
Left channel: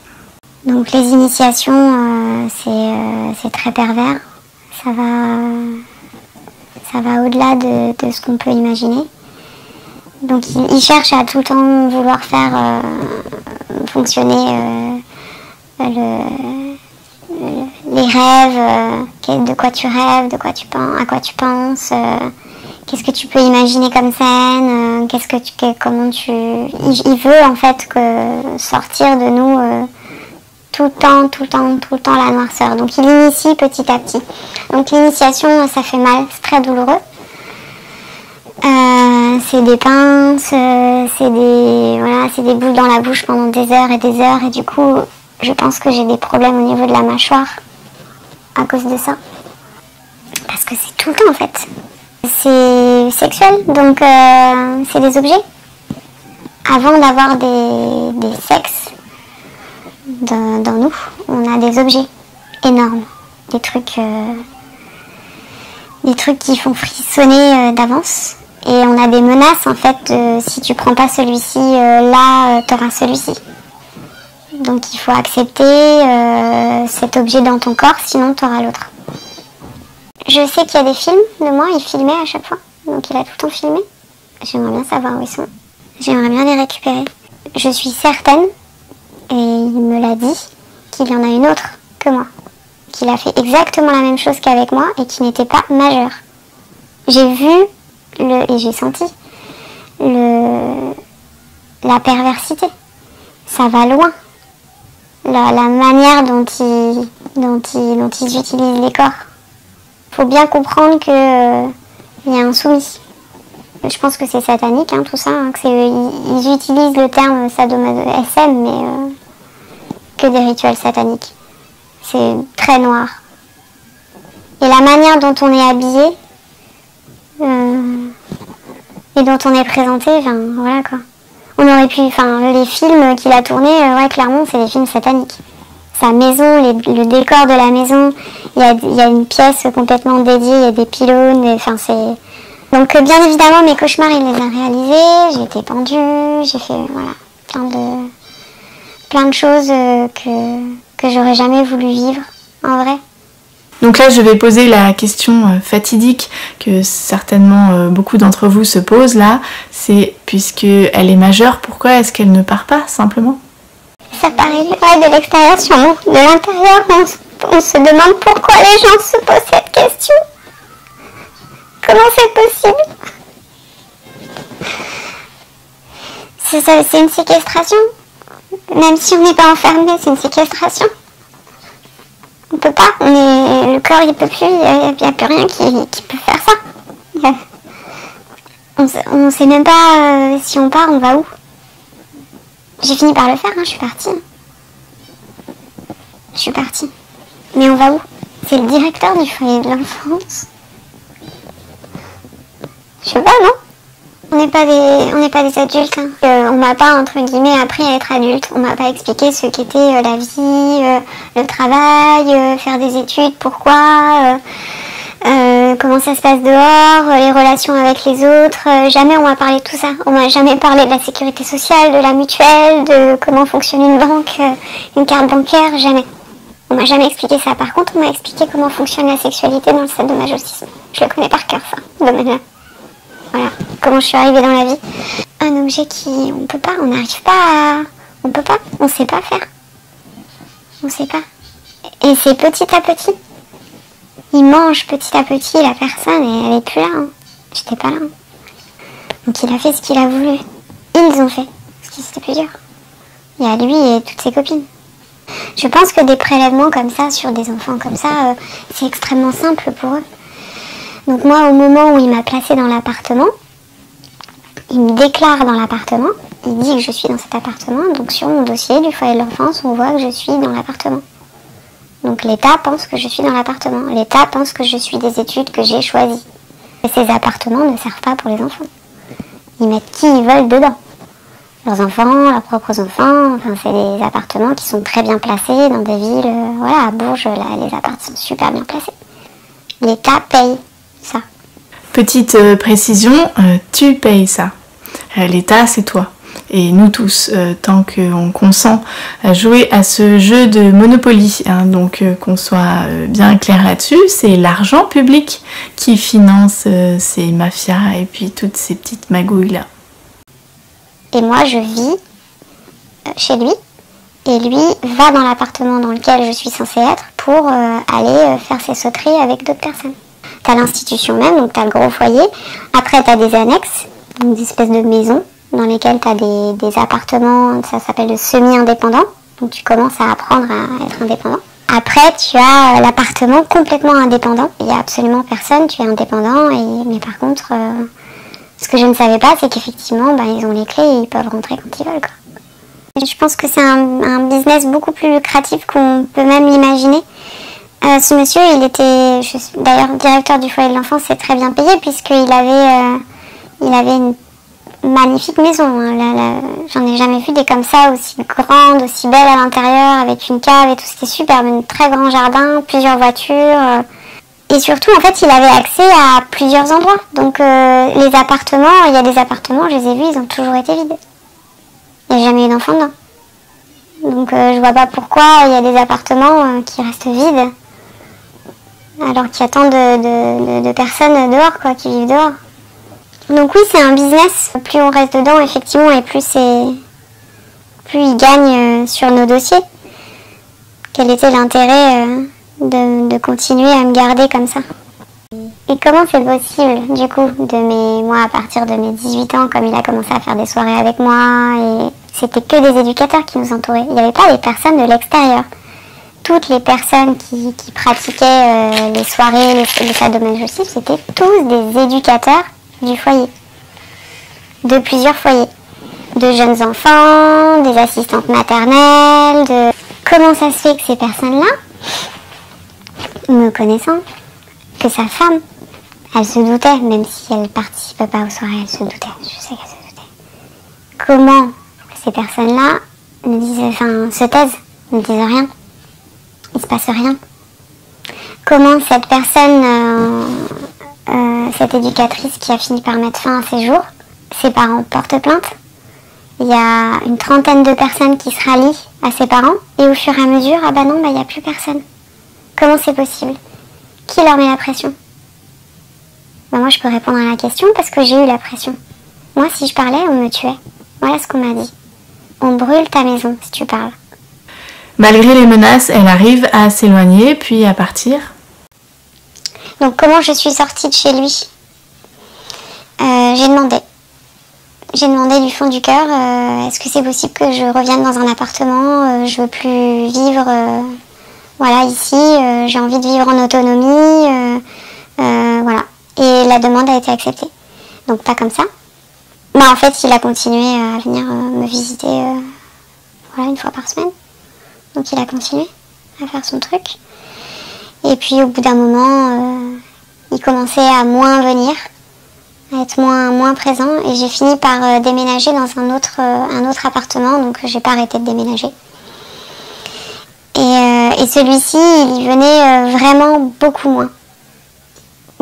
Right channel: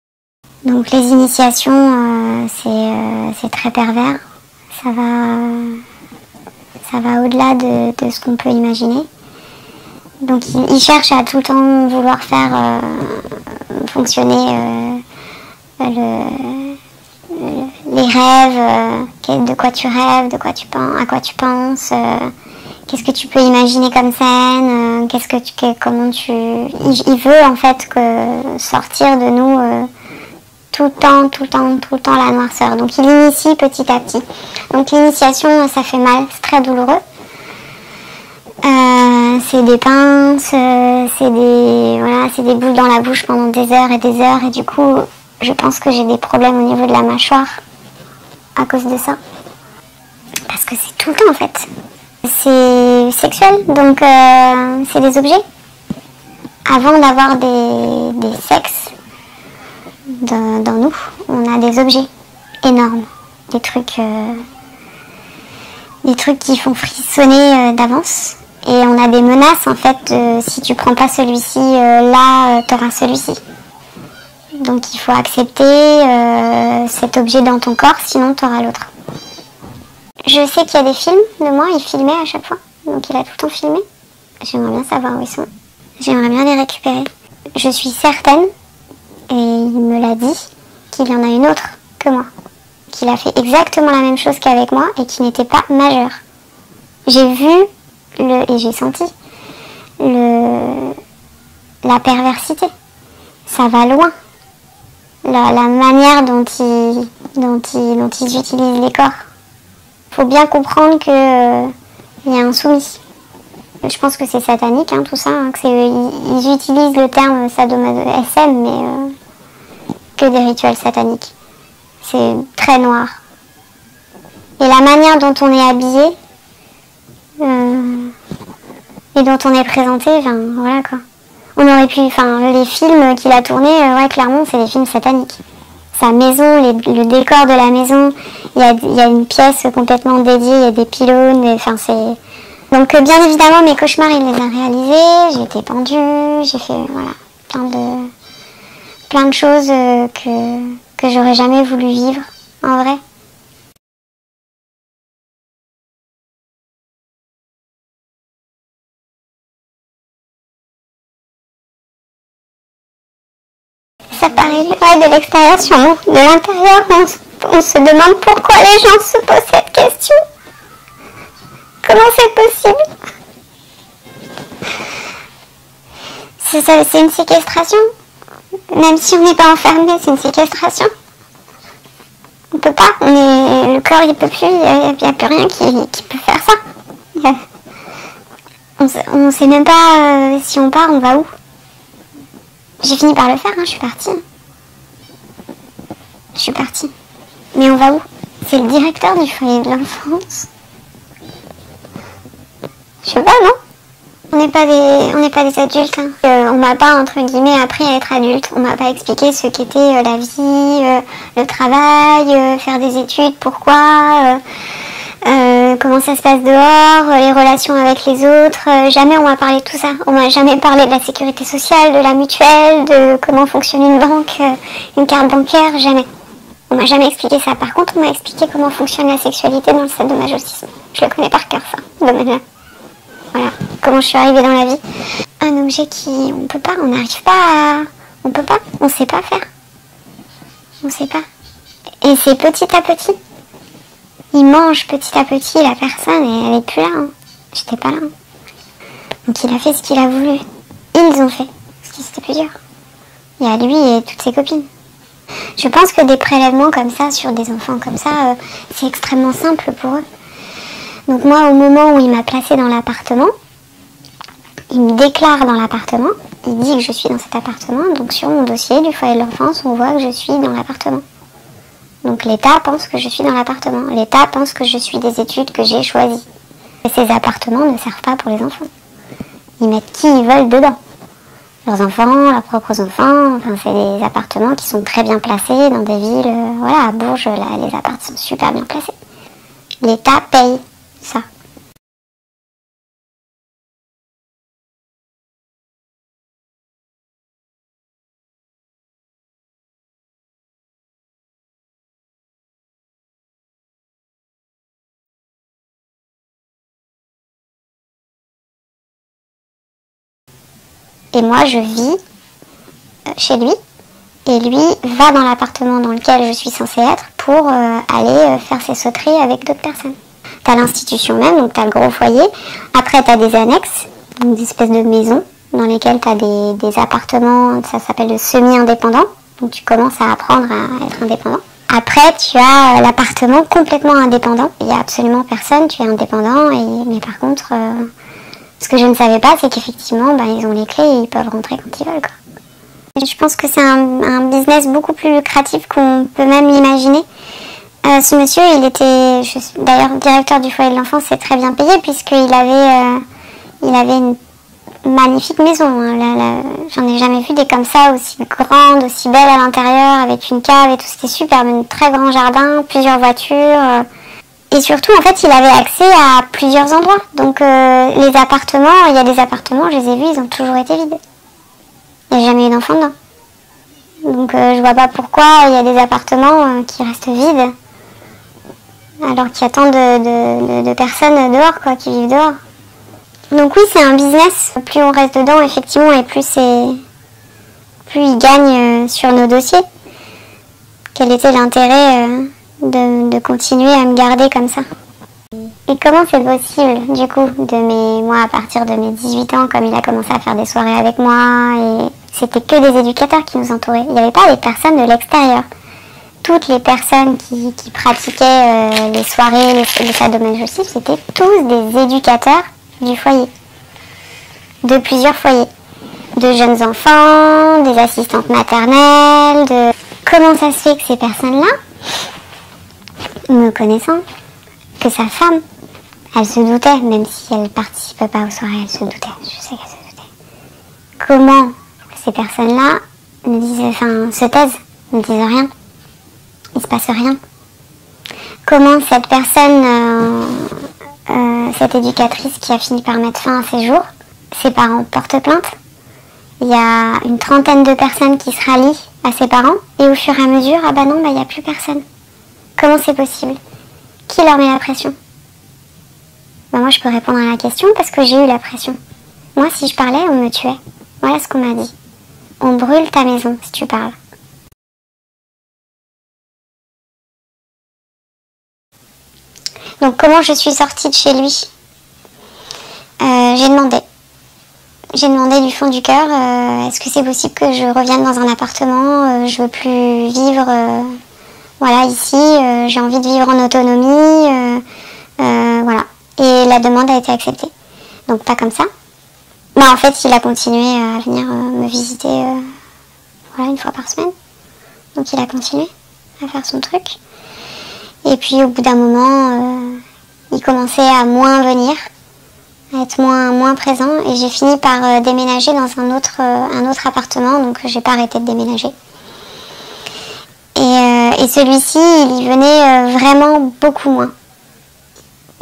Donc les initiations, c'est très pervers. Ça va au-delà de ce qu'on peut imaginer. Donc ils cherchent à tout le temps vouloir faire fonctionner les rêves, de quoi tu rêves, de quoi tu penses, à quoi tu penses, qu'est-ce que tu peux imaginer comme scène, il veut en fait sortir de nous tout le temps la noirceur. Donc il initie petit à petit. Donc l'initiation, ça fait mal, c'est très douloureux. C'est des pinces, c'est des boules dans la bouche pendant des heures, et du coup, je pense que j'ai des problèmes au niveau de la mâchoire à cause de ça. Parce que c'est tout le temps en fait. C'est sexuel, donc c'est des objets. Avant d'avoir des sexes dans nous, on a des objets énormes, des trucs qui font frissonner d'avance. Et on a des menaces en fait, si tu prends pas celui-ci, t'auras celui-ci. Donc il faut accepter cet objet dans ton corps, sinon t'auras l'autre. Je sais qu'il y a des films de moi, il filmait à chaque fois. Donc il a tout le temps filmé. J'aimerais bien savoir où ils sont. J'aimerais bien les récupérer. Je suis certaine, et il me l'a dit, qu'il y en a une autre que moi. Qu'il a fait exactement la même chose qu'avec moi et qui n'était pas majeur. J'ai vu et j'ai senti la perversité. Ça va loin. La manière dont ils utilisent les corps. Faut bien comprendre que y a un soumis. Je pense que c'est satanique, tout ça. Ils utilisent le terme sadomaso-SM, mais que des rituels sataniques. C'est très noir. Et la manière dont on est habillé et dont on est présenté, voilà quoi. On aurait pu, les films qu'il a tournés, clairement, c'est des films sataniques. Sa maison, le décor de la maison, il y a une pièce complètement dédiée, il y a des pylônes, c'est... Donc bien évidemment, mes cauchemars, il les a réalisés, j'ai été pendue, j'ai fait, plein de choses que j'aurais jamais voulu vivre, en vrai. Donc là, je vais poser la question fatidique que certainement beaucoup d'entre vous se posent là, c'est puisqu'elle est majeure, pourquoi est-ce qu'elle ne part pas simplement? Ça paraît vrai de l'extérieur sur nous, de l'intérieur, on se demande pourquoi les gens se posent cette question. Comment c'est possible? C'est une séquestration. Même si on n'est pas enfermé, c'est une séquestration. On peut pas, le corps il peut plus, il n'y a plus rien qui peut faire ça. On sait même pas si on part, on va où. J'ai fini par le faire, je suis partie. Je suis partie. Mais on va où? C'est le directeur du foyer de l'enfance. Je sais pas, non? On n'est pas des adultes. Hein. On m'a pas, entre guillemets, appris à être adulte. On m'a pas expliqué ce qu'était la vie, le travail, faire des études, pourquoi, comment ça se passe dehors, les relations avec les autres. Jamais on m'a parlé de tout ça. On m'a jamais parlé de la sécurité sociale, de la mutuelle, de comment fonctionne une banque, une carte bancaire, jamais. On m'a jamais expliqué ça. Par contre, on m'a expliqué comment fonctionne la sexualité dans le sadomasochisme. Je le connais par cœur, ça, ce domaine-là. Voilà, comment je suis arrivée dans la vie. Un objet qui, on peut pas, on n'arrive pas à... On peut pas, on sait pas faire. On sait pas. Et c'est petit à petit. Il mange petit à petit la personne et elle est plus là. Hein. J'étais pas là. Donc il a fait ce qu'il a voulu. Ils ont fait ce qui c'était plus dur. Il y a lui et toutes ses copines. Je pense que des prélèvements comme ça sur des enfants comme ça, c'est extrêmement simple pour eux. Donc moi, au moment où il m'a placée dans l'appartement, il me déclare dans l'appartement, il dit que je suis dans cet appartement, donc sur mon dossier du foyer de l'enfance, on voit que je suis dans l'appartement. Donc l'État pense que je suis dans l'appartement, l'État pense que je suis des études que j'ai choisies. Et ces appartements ne servent pas pour les enfants. Ils mettent qui ils veulent dedans. Leurs enfants, leurs propres enfants, enfin c'est des appartements qui sont très bien placés dans des villes, voilà, à Bourges, là, les appartements sont super bien placés. L'État paye ça. Petite précision, tu payes ça. L'État, c'est toi. Et nous tous, tant qu'on consent à jouer à ce jeu de Monopoly, hein, donc qu'on soit bien clair là-dessus, c'est l'argent public qui finance ces mafias et puis toutes ces petites magouilles-là. Et moi, je vis chez lui, et lui va dans l'appartement dans lequel je suis censée être pour aller faire ses sauteries avec d'autres personnes. T'as l'institution même, donc t'as le gros foyer. Après, t'as des annexes, donc des espèces de maisons, dans lesquelles t'as des appartements, ça s'appelle le semi-indépendant. Donc tu commences à apprendre à être indépendant. Après, tu as l'appartement complètement indépendant. Il n'y a absolument personne, tu es indépendant. Mais par contre, ce que je ne savais pas, c'est qu'effectivement, ils ont les clés et ils peuvent rentrer quand ils veulent. Quoi. Et je pense que c'est un business beaucoup plus lucratif qu'on peut même l'imaginer. Ce monsieur, il était d'ailleurs directeur du foyer de l'enfance, c'est très bien payé puisqu'il avait une magnifique maison. J'en ai jamais vu des comme ça, aussi grandes, aussi belles à l'intérieur, avec une cave et tout, c'était super, un très grand jardin, plusieurs voitures. Et surtout, en fait, il avait accès à plusieurs endroits. Donc les appartements, il y a des appartements, je les ai vus, ils ont toujours été vides. Il n'y a jamais eu d'enfant dedans. Donc je vois pas pourquoi il y a des appartements qui restent vides. Alors qu'il y a tant de personnes dehors, quoi, qui vivent dehors. Donc oui, c'est un business. Plus on reste dedans, effectivement, et plus il gagne sur nos dossiers. Quel était l'intérêt de continuer à me garder comme ça? Et comment c'est possible, du coup, moi, à partir de mes 18 ans, comme il a commencé à faire des soirées avec moi, et c'était que des éducateurs qui nous entouraient. Il n'y avait pas des personnes de l'extérieur. Toutes les personnes qui pratiquaient les soirées, les sadomasochisme, c'était tous des éducateurs du foyer. De plusieurs foyers. De jeunes enfants, des assistantes maternelles, Comment ça se fait que ces personnes-là, me connaissant, que sa femme, elle se doutait, même si elle ne participait pas aux soirées, elle se doutait, je sais qu'elle se doutait. Comment ces personnes-là se taisent, ne disent rien? Il se passe rien. Comment cette personne, cette éducatrice qui a fini par mettre fin à ses jours, ses parents portent plainte. Il y a une trentaine de personnes qui se rallient à ses parents et au fur et à mesure, ah bah non, il n'y a plus personne. Comment c'est possible? Qui leur met la pression? Moi je peux répondre à la question parce que j'ai eu la pression. Moi si je parlais, on me tuait. Voilà ce qu'on m'a dit. On brûle ta maison si tu parles. Malgré les menaces, elle arrive à s'éloigner, puis à partir. Donc comment je suis sortie de chez lui? J'ai demandé. J'ai demandé du fond du cœur, est-ce que c'est possible que je revienne dans un appartement? Je veux plus vivre ici, j'ai envie de vivre en autonomie. Voilà. Et la demande a été acceptée. Donc pas comme ça. En fait, il a continué à venir me visiter une fois par semaine. Donc il a continué à faire son truc. Et puis au bout d'un moment, il commençait à moins venir, à être moins présent. Et j'ai fini par déménager dans un autre appartement, donc j'ai pas arrêté de déménager. Et celui-ci, il venait vraiment beaucoup moins.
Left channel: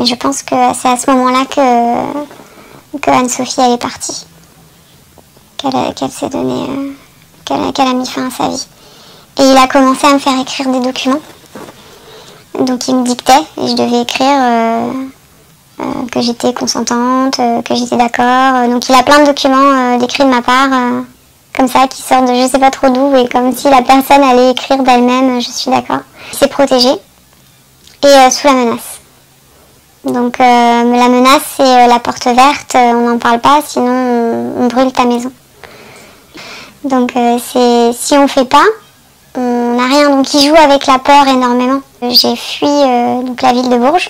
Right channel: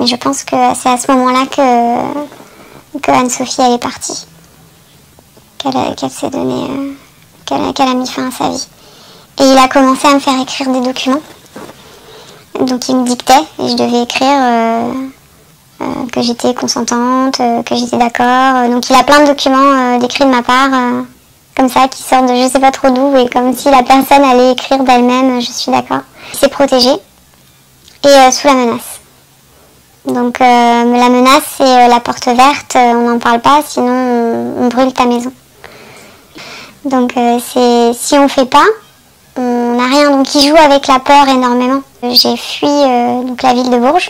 Et je pense que c'est à ce moment-là que Anne-Sophie elle est partie. Qu'elle s'est donnée, qu'elle a mis fin à sa vie. Et il a commencé à me faire écrire des documents. Donc il me dictait et je devais écrire que j'étais consentante, que j'étais d'accord. Donc il a plein de documents d'écrits de ma part, comme ça, qui sortent de je sais pas trop d'où, et comme si la personne allait écrire d'elle-même, je suis d'accord. Il s'est protégé, et sous la menace. Donc la menace, c'est la porte verte, on n'en parle pas, sinon on brûle ta maison. Donc c'est si on fait pas, on n'a rien. Donc il joue avec la peur énormément. J'ai fui donc la ville de Bourges.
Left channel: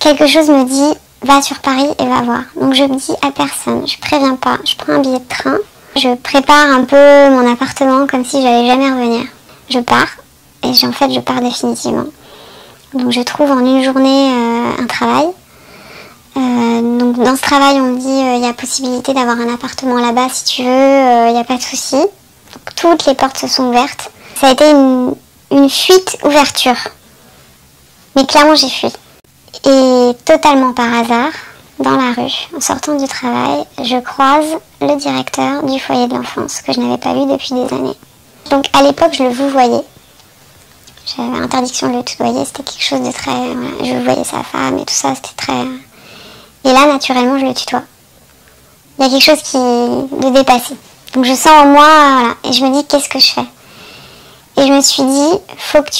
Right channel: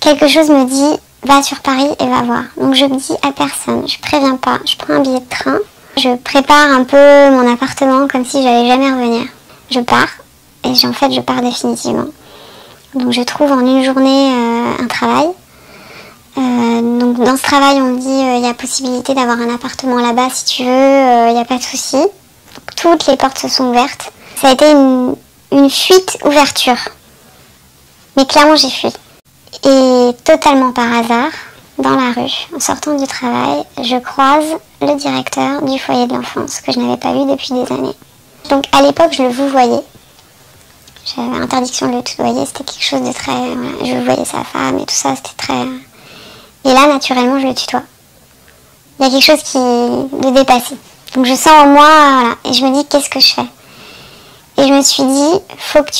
Quelque chose me dit, va sur Paris et va voir. Donc je me dis à personne, je préviens pas, je prends un billet de train, je prépare un peu mon appartement comme si j'allais jamais revenir. Je pars, et en fait je pars définitivement. Donc je trouve en une journée un travail. Donc dans ce travail on me dit il y a possibilité d'avoir un appartement là-bas si tu veux, il n'y a pas de souci. Toutes les portes se sont ouvertes. Ça a été une fuite-ouverture. Mais clairement j'ai fui. Et totalement par hasard, dans la rue, en sortant du travail, je croise le directeur du foyer de l'enfance que je n'avais pas vu depuis des années. Donc à l'époque je le vouvoyais. J'avais interdiction de le tutoyer, c'était quelque chose de très... je voyais sa femme et tout ça, c'était très... Et là, naturellement, je le tutoie. Il y a quelque chose de dépassé. Donc je sens en moi, voilà, et je me dis, qu'est-ce que je fais? Et je me suis dit, faut que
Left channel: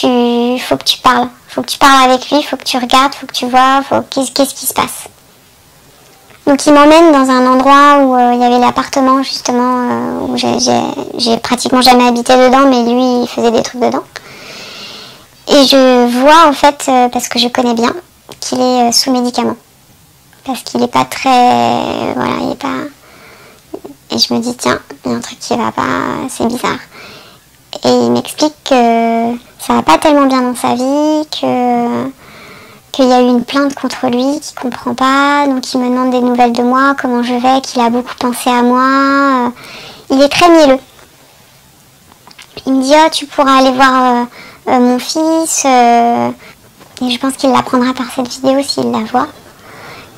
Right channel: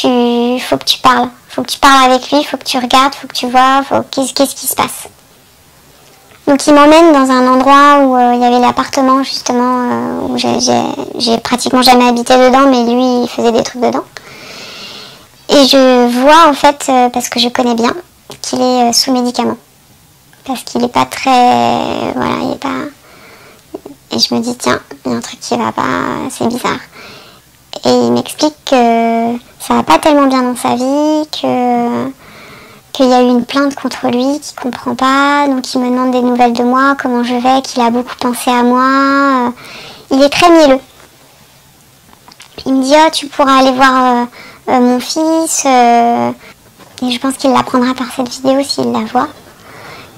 tu parles. Faut que tu parles avec lui, faut que tu regardes, faut que tu vois, qu'est-ce qui se passe. Donc il m'emmène dans un endroit où il y avait l'appartement, justement, où j'ai pratiquement jamais habité dedans, mais lui, il faisait des trucs dedans. Et je vois, en fait, parce que je connais bien, qu'il est sous médicaments. Parce qu'il n'est pas très... Voilà, il n'est pas... Et je me dis, tiens, il y a un truc qui va pas, c'est bizarre. Et il m'explique que ça va pas tellement bien dans sa vie, qu'il y a eu une plainte contre lui, qu'il comprend pas, donc il me demande des nouvelles de moi, comment je vais, qu'il a beaucoup pensé à moi. Il est très mielleux. Il me dit, ah, tu pourras aller voir mon fils, et je pense qu'il l'apprendra par cette vidéo s'il la voit,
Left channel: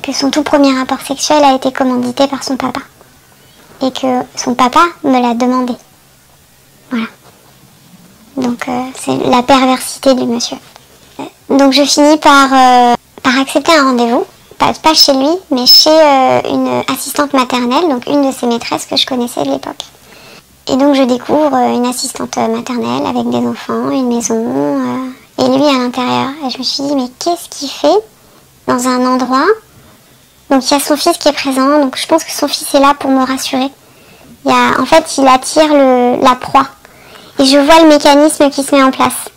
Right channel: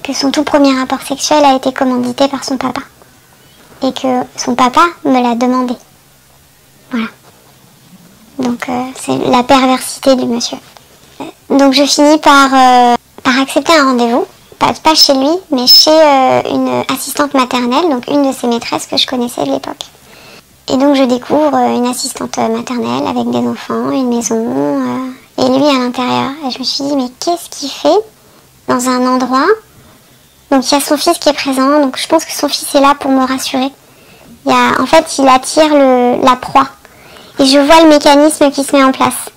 que son tout premier rapport sexuel a été commandité par son papa. Et que son papa me l'a demandé. Voilà. Donc c'est la perversité du monsieur. Donc je finis par accepter un rendez-vous, pas chez lui, mais chez une assistante maternelle, donc une de ses maîtresses que je connaissais de l'époque. Et donc je découvre une assistante maternelle avec des enfants, une maison, et lui à l'intérieur. Et je me suis dit, mais qu'est-ce qu'il fait dans un endroit? Donc il y a son fils qui est présent, donc je pense que son fils est là pour me rassurer. En fait, il attire la proie. Et je vois le mécanisme qui se met en place.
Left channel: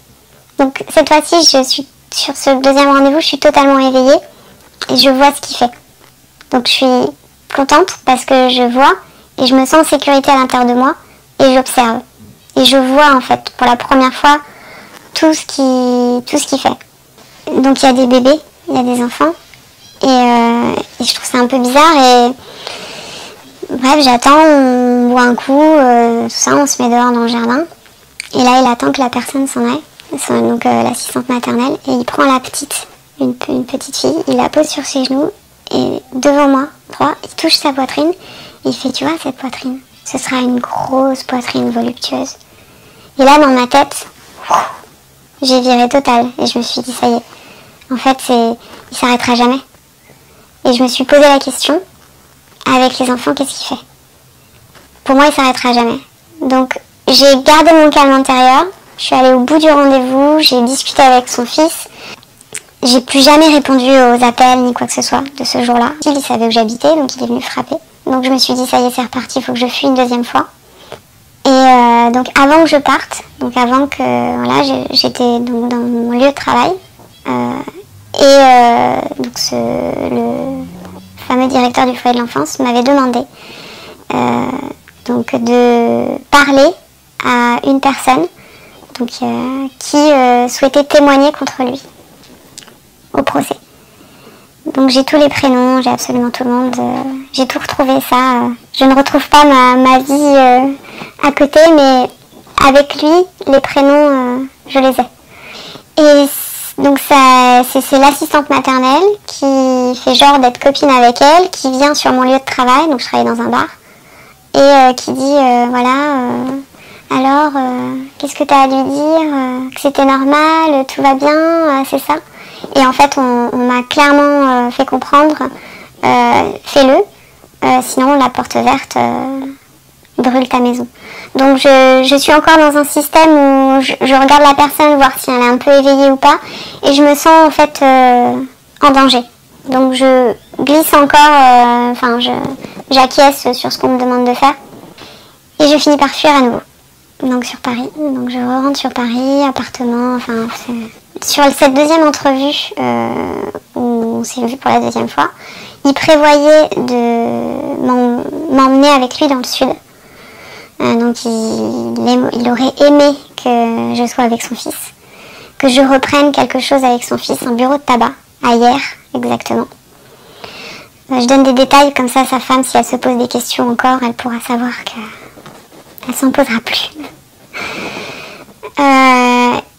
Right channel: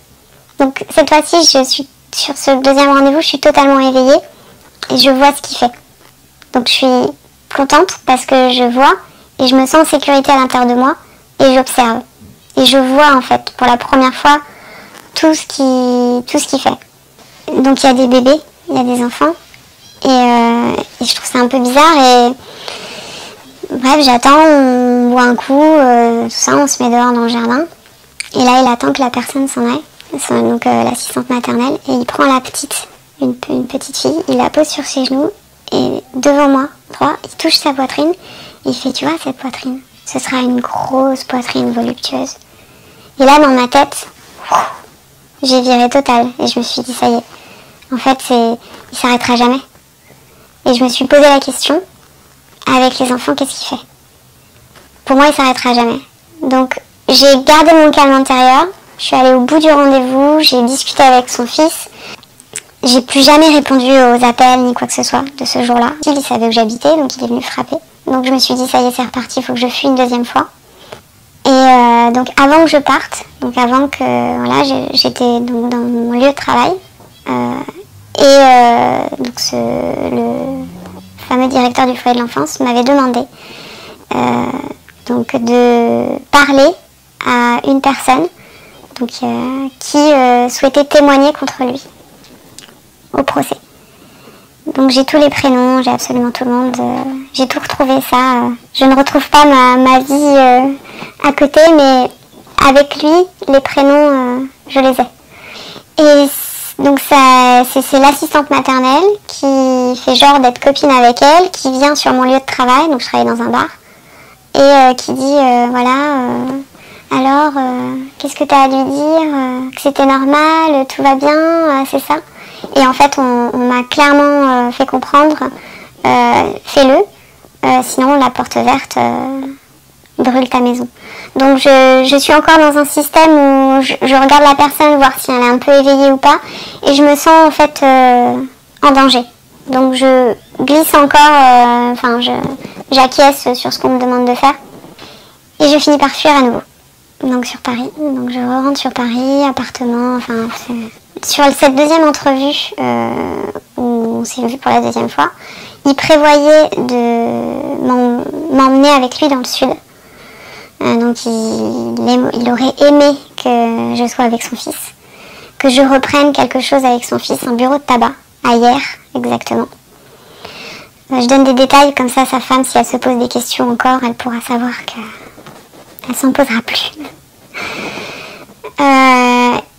Donc cette fois-ci, je suis sur ce deuxième rendez-vous, je suis totalement éveillée et je vois ce qu'il fait. Donc je suis contente parce que je vois et je me sens en sécurité à l'intérieur de moi et j'observe. Et je vois en fait pour la première fois tout ce qu'il fait. Donc il y a des bébés, il y a des enfants et je trouve ça un peu bizarre et bref, j'attends, on boit un coup, tout ça, on se met dehors dans le jardin. Et là, il attend que la personne s'en aille, donc l'assistante maternelle, et il prend la petite, une petite fille, il la pose sur ses genoux, et devant moi, il touche sa poitrine, et il fait, tu vois, cette poitrine, ce sera une grosse poitrine voluptueuse. Et là, dans ma tête, j'ai viré total, et je me suis dit, ça y est, en fait, il s'arrêtera jamais. Et je me suis posé la question, avec les enfants, qu'est-ce qu'il fait? Pour moi, il s'arrêtera jamais. Donc, j'ai gardé mon calme intérieur, je suis allée au bout du rendez-vous, j'ai discuté avec son fils. J'ai plus jamais répondu aux appels ni quoi que ce soit de ce jour-là. Il savait où j'habitais, donc il est venu frapper. Donc je me suis dit, ça y est, c'est reparti, il faut que je fuis une deuxième fois. Et donc avant que je parte, donc avant que voilà, j'étais donc dans mon lieu de travail, donc le fameux directeur du foyer de l'enfance m'avait demandé donc de parler à une personne donc, qui souhaitait témoigner contre lui au procès. Donc j'ai tous les prénoms, j'ai absolument tout le monde, j'ai tout retrouvé ça. Je ne retrouve pas ma vie à côté, mais avec lui, les prénoms, je les ai. Et donc c'est l'assistante maternelle qui fait genre d'être copine avec elle, qui vient sur mon lieu de travail, donc je travaille dans un bar, et qui dit voilà, alors qu'est-ce que tu as à lui dire, que c'était normal, tout va bien, c'est ça. Et en fait on m'a clairement fait comprendre, fais-le, sinon la porte verte brûle ta maison. Donc je suis encore dans un système où je regarde la personne, voir si elle est un peu éveillée ou pas, et je me sens en fait en danger. Donc je glisse encore, j'acquiesce sur ce qu'on me demande de faire, et je finis par fuir à nouveau. Donc sur Paris, donc je rentre sur Paris, appartement, sur cette deuxième entrevue où on s'est vu pour la deuxième fois, il prévoyait de m'emmener avec lui dans le sud. Donc il aurait aimé que je sois avec son fils, que je reprenne quelque chose avec son fils, un bureau de tabac, à hier exactement. Je donne des détails comme ça à sa femme, si elle se pose des questions encore, elle pourra savoir qu'elle s'en posera plus.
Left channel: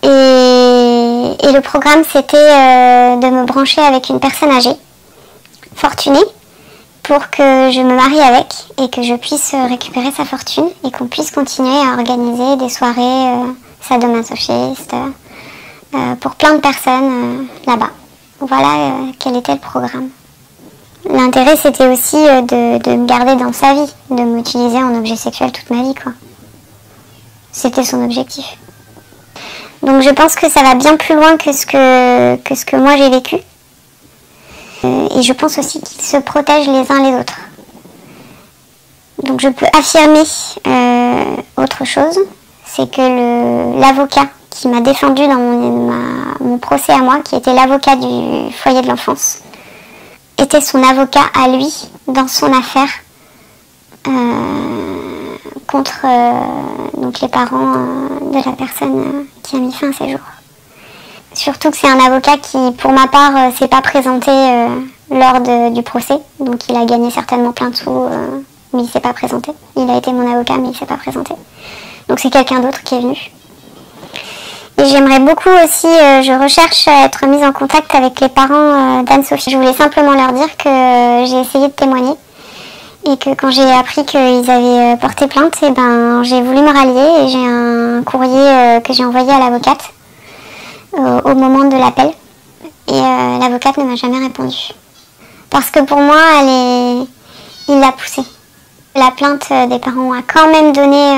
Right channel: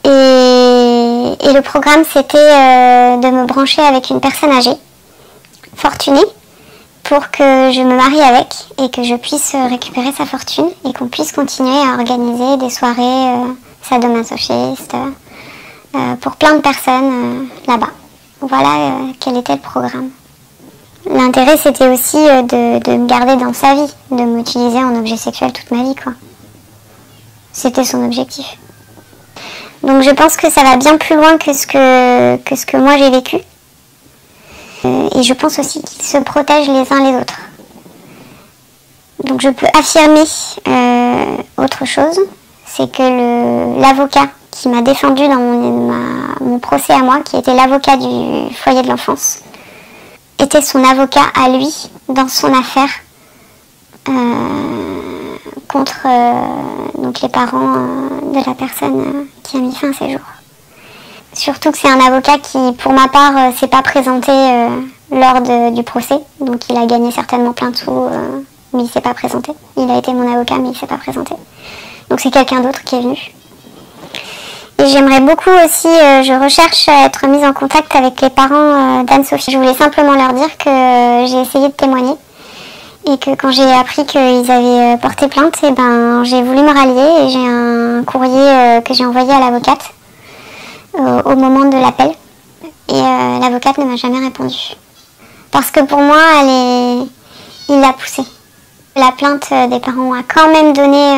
Et le programme c'était de me brancher avec une personne âgée, fortunée, pour que je me marie avec et que je puisse récupérer sa fortune et qu'on puisse continuer à organiser des soirées sadomasochistes pour plein de personnes là-bas. Voilà quel était le programme. L'intérêt c'était aussi de me garder dans sa vie, de m'utiliser en objet sexuel toute ma vie, quoi. C'était son objectif. Donc je pense que ça va bien plus loin que ce que moi j'ai vécu. Et je pense aussi qu'ils se protègent les uns les autres. Donc je peux affirmer autre chose, c'est que l'avocat qui m'a défendu dans mon procès à moi, qui était l'avocat du foyer de l'enfance, était son avocat à lui dans son affaire contre donc les parents de la personne qui a mis fin à ses jours. Surtout que c'est un avocat qui, pour ma part, s'est pas présenté lors du procès. Donc il a gagné certainement plein de sous, mais il s'est pas présenté. Il a été mon avocat, mais il s'est pas présenté. Donc c'est quelqu'un d'autre qui est venu. Et j'aimerais beaucoup aussi, je recherche à être mise en contact avec les parents d'Anne-Sophie. Je voulais simplement leur dire que j'ai essayé de témoigner. Et que quand j'ai appris qu'ils avaient porté plainte, et ben, j'ai voulu me rallier et j'ai un courrier que j'ai envoyé à l'avocate au moment de l'appel, et l'avocate ne m'a jamais répondu parce que pour moi il l'a poussé. La plainte des parents a quand même donné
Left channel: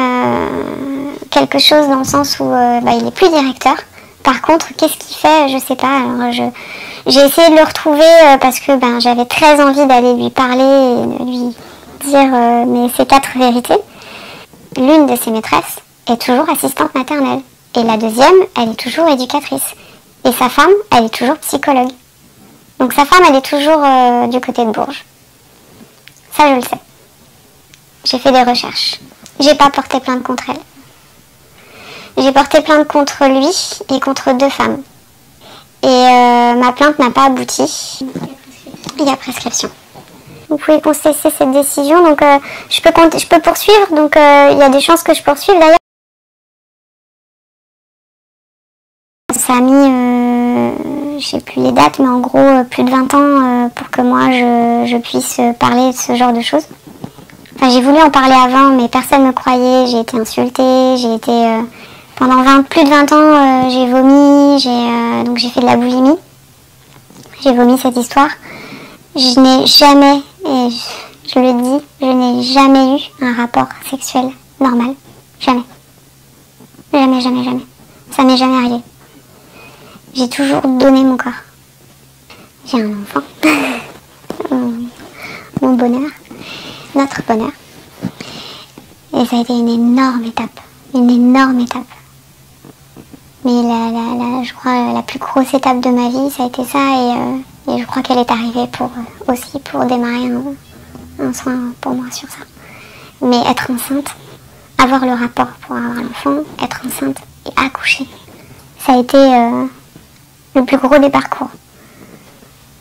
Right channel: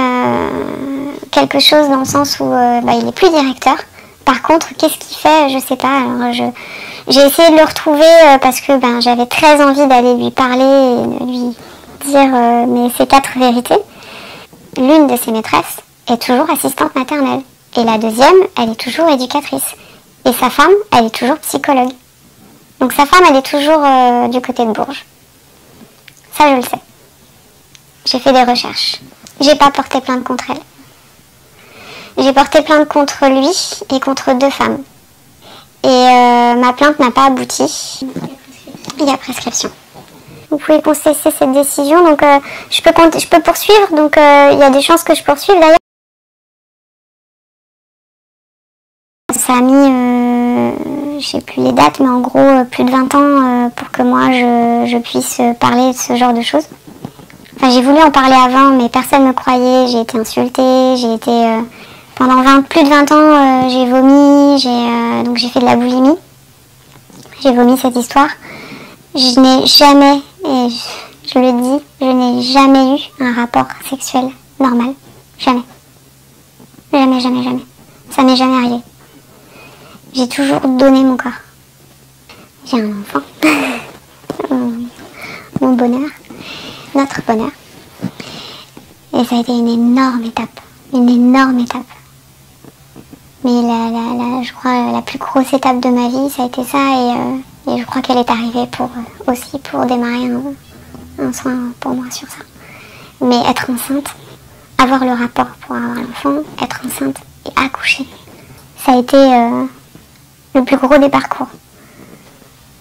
quelque chose dans le sens où il n'est plus directeur. Par contre, qu'est-ce qu'il fait, je sais pas. Alors j'ai essayé de le retrouver parce que j'avais très envie d'aller lui parler et de lui dire mais ces 4 vérités. L'une de ses maîtresses est toujours assistante maternelle. Et la deuxième, elle est toujours éducatrice. Et sa femme, elle est toujours psychologue. Donc sa femme, elle est toujours du côté de Bourges. Ça, je le sais. J'ai fait des recherches. J'ai pas porté plainte contre elle. J'ai porté plainte contre lui et contre 2 femmes. Et ma plainte n'a pas abouti. Il y a prescription. Vous pouvez contester cette décision. Donc je peux poursuivre. Donc il y a des chances que je poursuive d'ailleurs. Ça a mis, je sais plus les dates, mais en gros plus de 20 ans pour que moi je puisse parler de ce genre de choses. Enfin, j'ai voulu en parler avant, mais personne ne me croyait, j'ai été insultée, j'ai été... pendant plus de 20 ans, j'ai vomi, donc j'ai fait de la boulimie. J'ai vomi cette histoire. Je n'ai jamais, et je le dis, je n'ai jamais eu un rapport sexuel normal. Jamais. Jamais, jamais, jamais. Ça m'est jamais arrivé. J'ai toujours donné mon corps. J'ai un enfant. Mon bonheur. Notre bonheur. Et ça a été une énorme étape. Une énorme étape. Mais je crois la plus grosse étape de ma vie, ça a été ça. Et je crois qu'elle est arrivée aussi pour démarrer un soin pour moi sur ça. Mais être enceinte, avoir le rapport pour avoir l'enfant, être enceinte et accoucher, ça a été... le plus gros des parcours.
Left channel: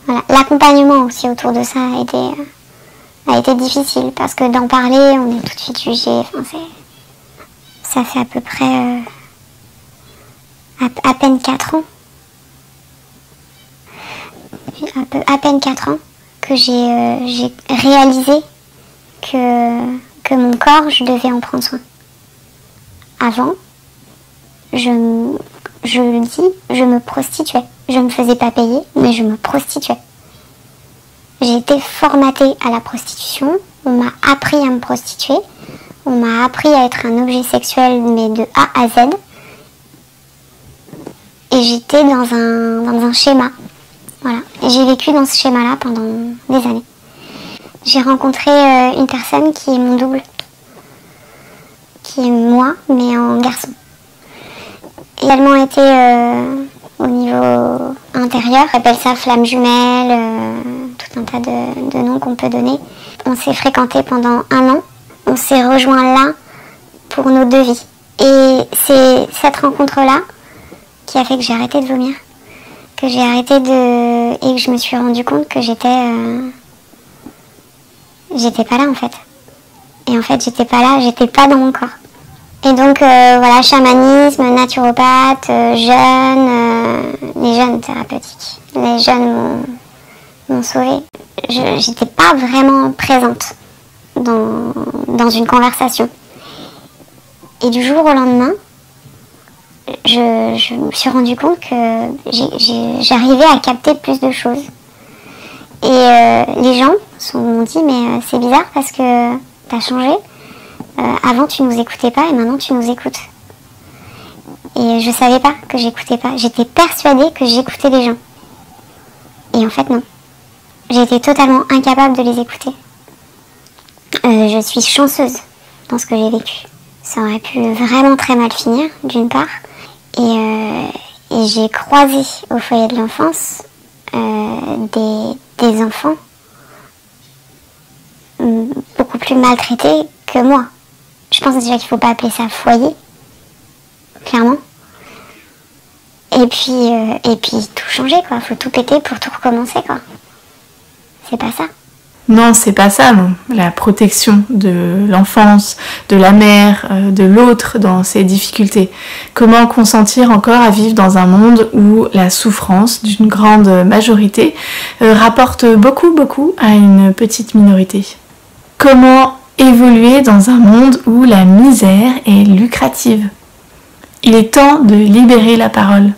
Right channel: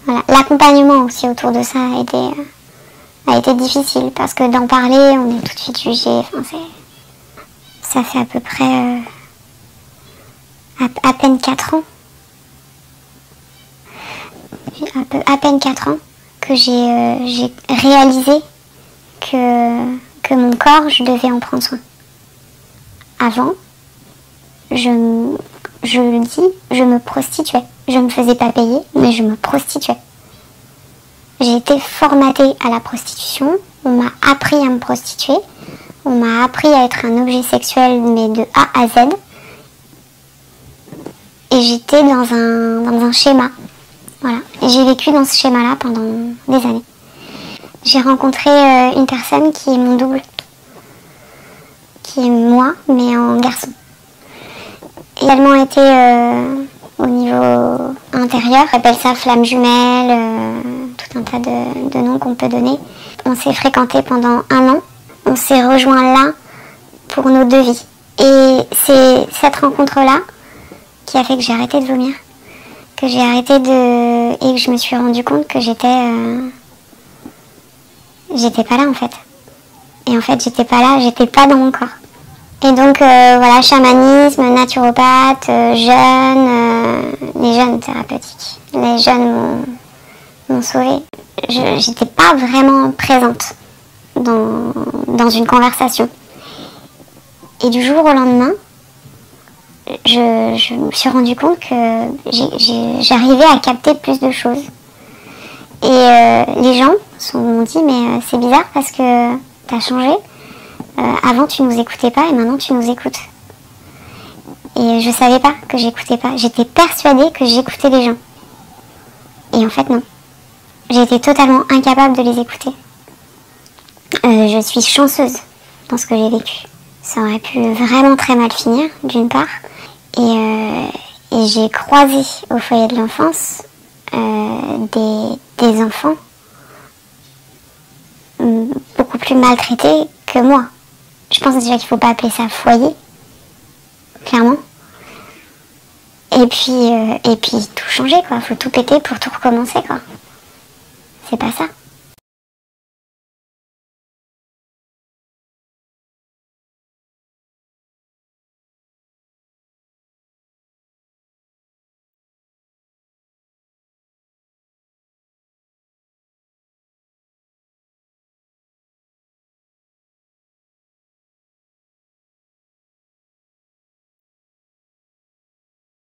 Voilà. L'accompagnement aussi autour de ça a été difficile parce que d'en parler, on est tout de suite jugé. Enfin, ça fait à peu près à peine 4 ans. À peine 4 ans que j'ai réalisé que mon corps, je devais en prendre soin. Avant, je le dis, je me prostituais. Je ne me faisais pas payer, mais je me prostituais. J'ai été formatée à la prostitution, on m'a appris à me prostituer, on m'a appris à être un objet sexuel, mais de A à Z. Et j'étais dans un schéma. Voilà. Et j'ai vécu dans ce schéma-là pendant des années. J'ai rencontré une personne qui est mon double, qui est moi, mais en garçon. Également été au niveau intérieur, on appelle ça flamme jumelle, tout un tas de noms qu'on peut donner. On s'est fréquentés pendant 1 an, on s'est rejoints là pour nos 2 vies. Et c'est cette rencontre-là qui a fait que j'ai arrêté de vomir, que j'ai arrêté et que je me suis rendu compte que j'étais pas là en fait. Et en fait j'étais pas là, j'étais pas dans mon corps. Et donc voilà, chamanisme, naturopathe, jeûne, les jeûnes thérapeutiques. Les jeûnes m'ont sauvée. J'étais pas vraiment présente dans une conversation. Et du jour au lendemain, je me suis rendu compte que j'arrivais à capter plus de choses. Et les gens m'ont dit mais c'est bizarre parce que t'as changé. Avant tu nous écoutais pas et maintenant tu nous écoutes. Et je savais pas que j'écoutais pas. J'étais persuadée que j'écoutais les gens. Et en fait non. J'étais totalement incapable de les écouter. Je suis chanceuse dans ce que j'ai vécu. Ça aurait pu vraiment très mal finir, d'une part. Et j'ai croisé au foyer de l'enfance des enfants beaucoup plus maltraités que moi. Je pense déjà qu'il ne faut pas appeler ça foyer, clairement. Et puis tout changer, quoi. Faut tout péter pour tout recommencer, quoi. C'est pas ça. Non, c'est pas ça, non. La protection de l'enfance, de la mère, de l'autre dans ses difficultés. Comment consentir encore à vivre dans un monde où la souffrance d'une grande majorité rapporte beaucoup à une petite minorité. Comment évoluer dans un monde où la misère est lucrative. Il est temps de libérer la parole,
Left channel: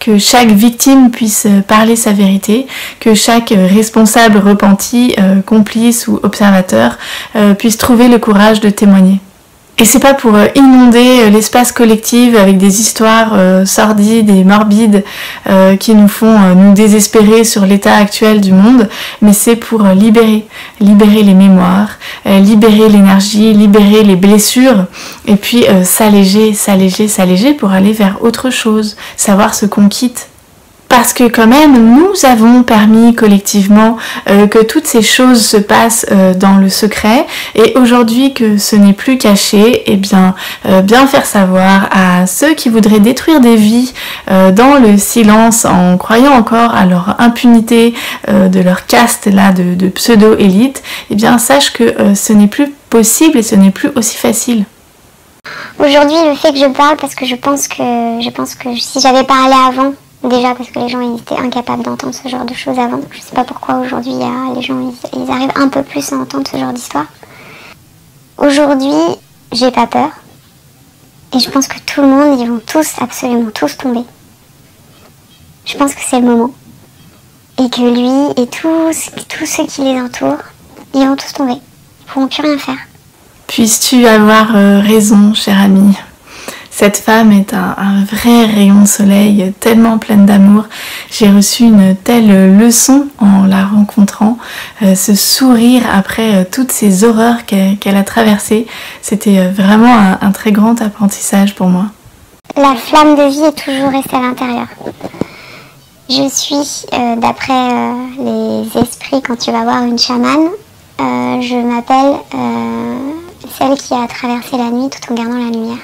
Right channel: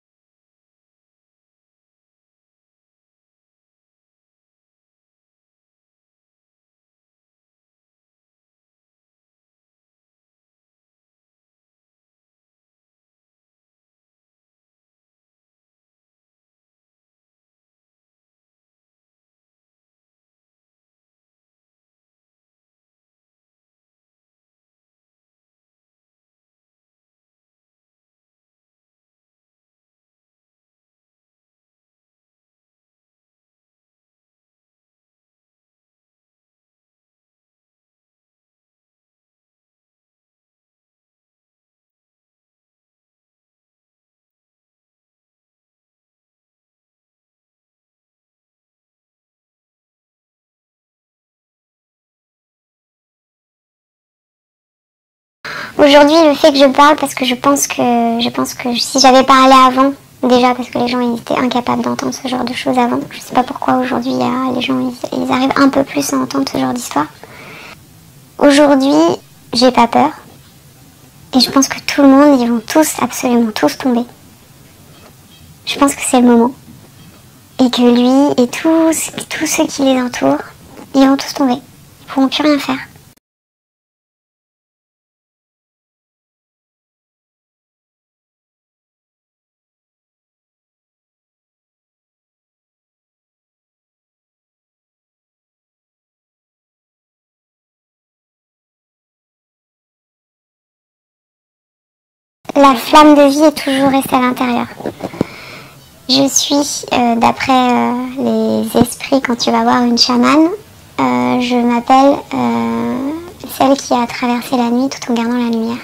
que chaque victime puisse parler sa vérité, que chaque responsable repenti, complice ou observateur puisse trouver le courage de témoigner. Et c'est pas pour inonder l'espace collectif avec des histoires sordides et morbides qui nous font nous désespérer sur l'état actuel du monde, mais c'est pour libérer les mémoires, libérer l'énergie, libérer les blessures, et puis s'alléger pour aller vers autre chose, savoir ce qu'on quitte. Parce que quand même, nous avons permis collectivement que toutes ces choses se passent dans le secret, et aujourd'hui que ce n'est plus caché, eh bien faire savoir à ceux qui voudraient détruire des vies dans le silence en croyant encore à leur impunité de leur caste là de pseudo-élite, eh bien sache que ce n'est plus possible et ce n'est plus aussi facile. Aujourd'hui, le fait que je parle, parce que je pense que si j'avais parlé avant, déjà parce que les gens ils étaient incapables d'entendre ce genre de choses avant. Je sais pas pourquoi aujourd'hui les gens ils arrivent un peu plus à entendre ce genre d'histoire. Aujourd'hui, j'ai pas peur. Et je pense que tout le monde, ils vont tous, absolument tous tomber. Je pense que c'est le moment. Et que lui et tous ceux qui les entourent, ils vont tous tomber. Ils pourront plus rien faire. Puisses-tu avoir raison, cher ami. Cette femme est un vrai rayon de soleil, tellement pleine d'amour. J'ai reçu une telle leçon en la rencontrant. Ce sourire après toutes ces horreurs qu'elle a traversées, c'était vraiment un très grand apprentissage pour moi. La flamme de vie est toujours restée à l'intérieur. Je suis, d'après les esprits, quand tu vas voir une chamane, je m'appelle celle qui a traversé la nuit tout en gardant la lumière.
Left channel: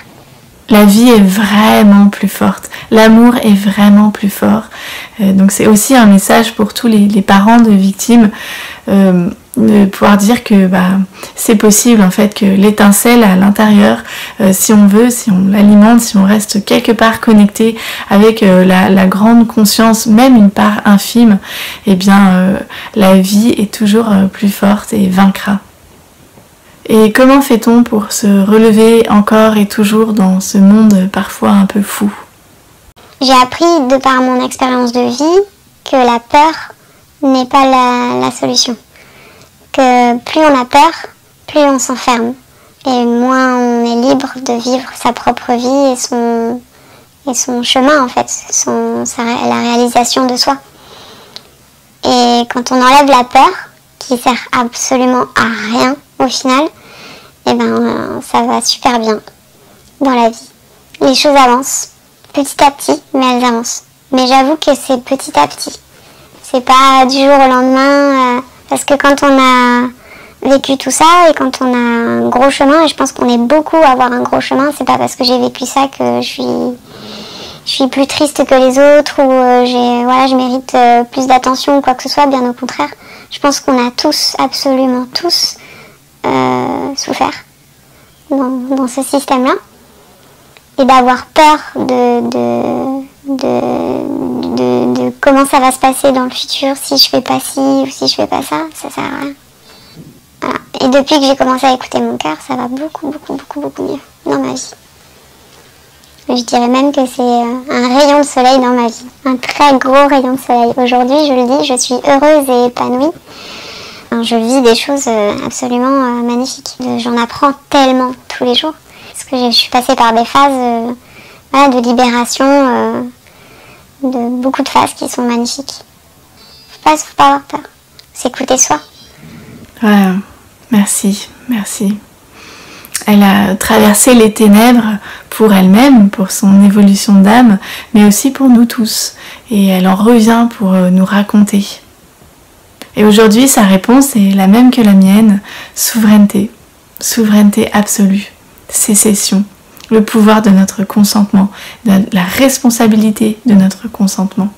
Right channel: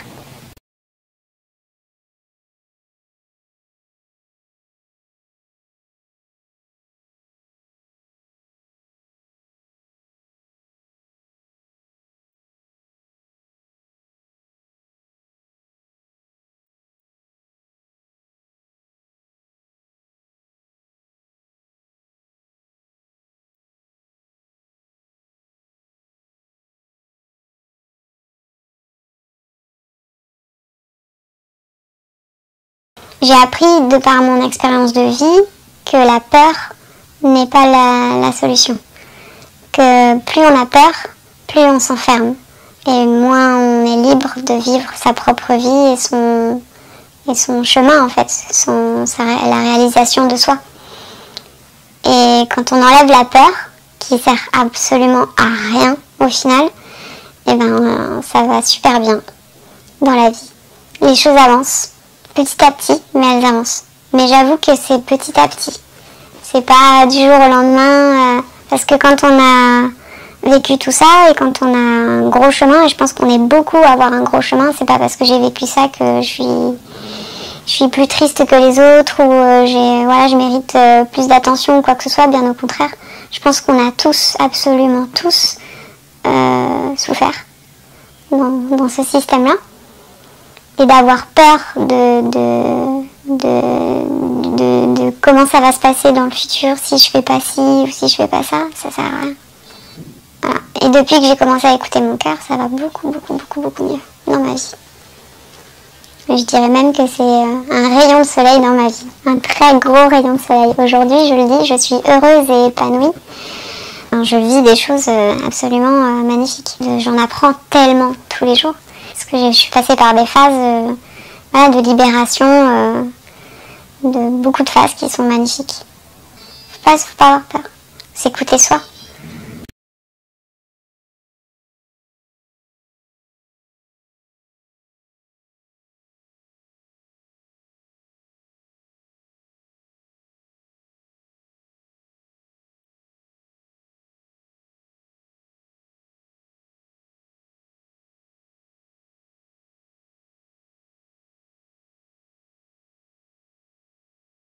La vie est vraiment plus forte, l'amour est vraiment plus fort. Donc c'est aussi un message pour tous les parents de victimes, de pouvoir dire que c'est possible en fait, que l'étincelle à l'intérieur, si on veut, si on l'alimente, si on reste quelque part connecté avec la grande conscience, même une part infime, eh bien la vie est toujours plus forte et vaincra. Et comment fait-on pour se relever encore et toujours dans ce monde parfois un peu fou? J'ai appris, de par mon expérience de vie, que la peur n'est pas la solution. Que plus on a peur, plus on s'enferme. Et moins on est libre de vivre sa propre vie et son chemin, en fait, la réalisation de soi. Et quand on enlève la peur, qui sert absolument à rien au final, et ça va super bien dans la vie. Les choses avancent, petit à petit, mais elles avancent. Mais j'avoue que c'est petit à petit. C'est pas du jour au lendemain, parce que quand on a vécu tout ça et quand on a un gros chemin, et je pense qu'on est beaucoup à avoir un gros chemin, c'est pas parce que j'ai vécu ça que je suis plus triste que les autres ou je mérite plus d'attention ou quoi que ce soit, bien au contraire. Je pense qu'on a tous, absolument tous, souffert dans ce système-là. Et d'avoir peur de comment ça va se passer dans le futur, si je fais pas ci ou si je fais pas ça, ça sert à rien. Voilà. Et depuis que j'ai commencé à écouter mon cœur, ça va beaucoup mieux dans ma vie. Je dirais même que c'est un rayon de soleil dans ma vie, un très gros rayon de soleil. Aujourd'hui, je le dis, je suis heureuse et épanouie. Je vis des choses absolument magnifiques. J'en apprends tellement tous les jours. Parce que je suis passée par des phases de libération, de beaucoup de phases qui sont magnifiques. Faut pas avoir peur. S'écouter soi. Ouais, merci. Elle a traversé les ténèbres pour elle-même, pour son évolution d'âme, mais aussi pour nous tous. Et elle en revient pour nous raconter. Et aujourd'hui, sa réponse est la même que la mienne, souveraineté. Souveraineté absolue. Sécession, le pouvoir de notre consentement, la responsabilité de notre consentement.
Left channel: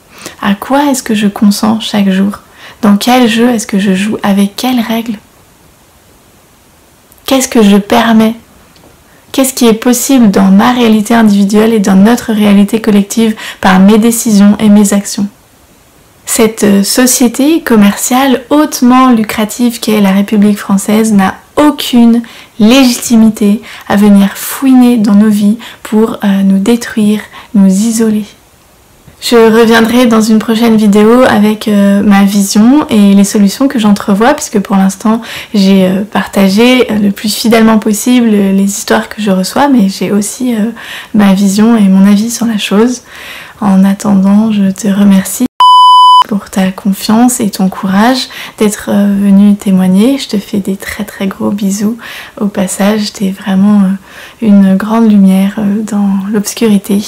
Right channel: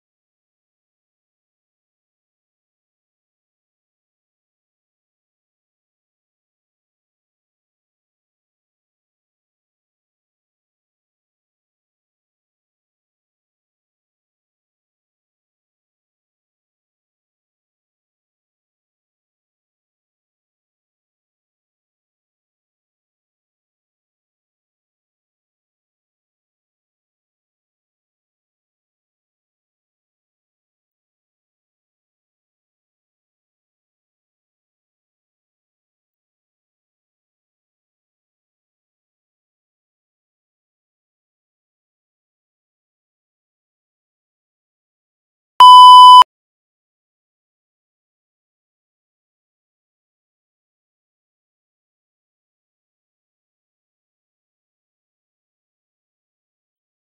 À quoi est-ce que je consens chaque jour? Dans quel jeu est-ce que je joue? Avec quelles règles? Qu'est-ce que je permets? Qu'est-ce qui est possible dans ma réalité individuelle et dans notre réalité collective par mes décisions et mes actions? Cette société commerciale hautement lucrative qu'est la République française n'a aucune légitimité à venir fouiner dans nos vies pour nous détruire, nous isoler. Je reviendrai dans une prochaine vidéo avec ma vision et les solutions que j'entrevois, puisque pour l'instant j'ai partagé le plus fidèlement possible les histoires que je reçois, mais j'ai aussi ma vision et mon avis sur la chose. En attendant, je te remercie pour ta confiance et ton courage d'être venu témoigner. Je te fais des très gros bisous au passage. T'es vraiment une grande lumière dans l'obscurité.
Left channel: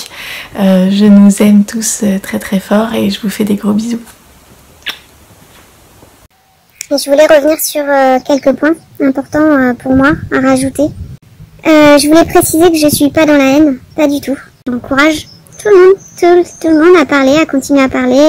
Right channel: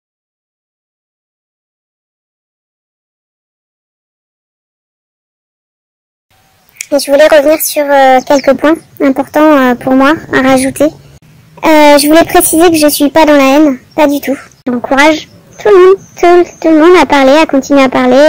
Je nous aime tous très fort et je vous fais des gros bisous. Et je voulais revenir sur quelques points importants pour moi à rajouter. Je voulais préciser que je suis pas dans la haine, pas du tout. J'encourage tout le monde à parler, à continuer à parler.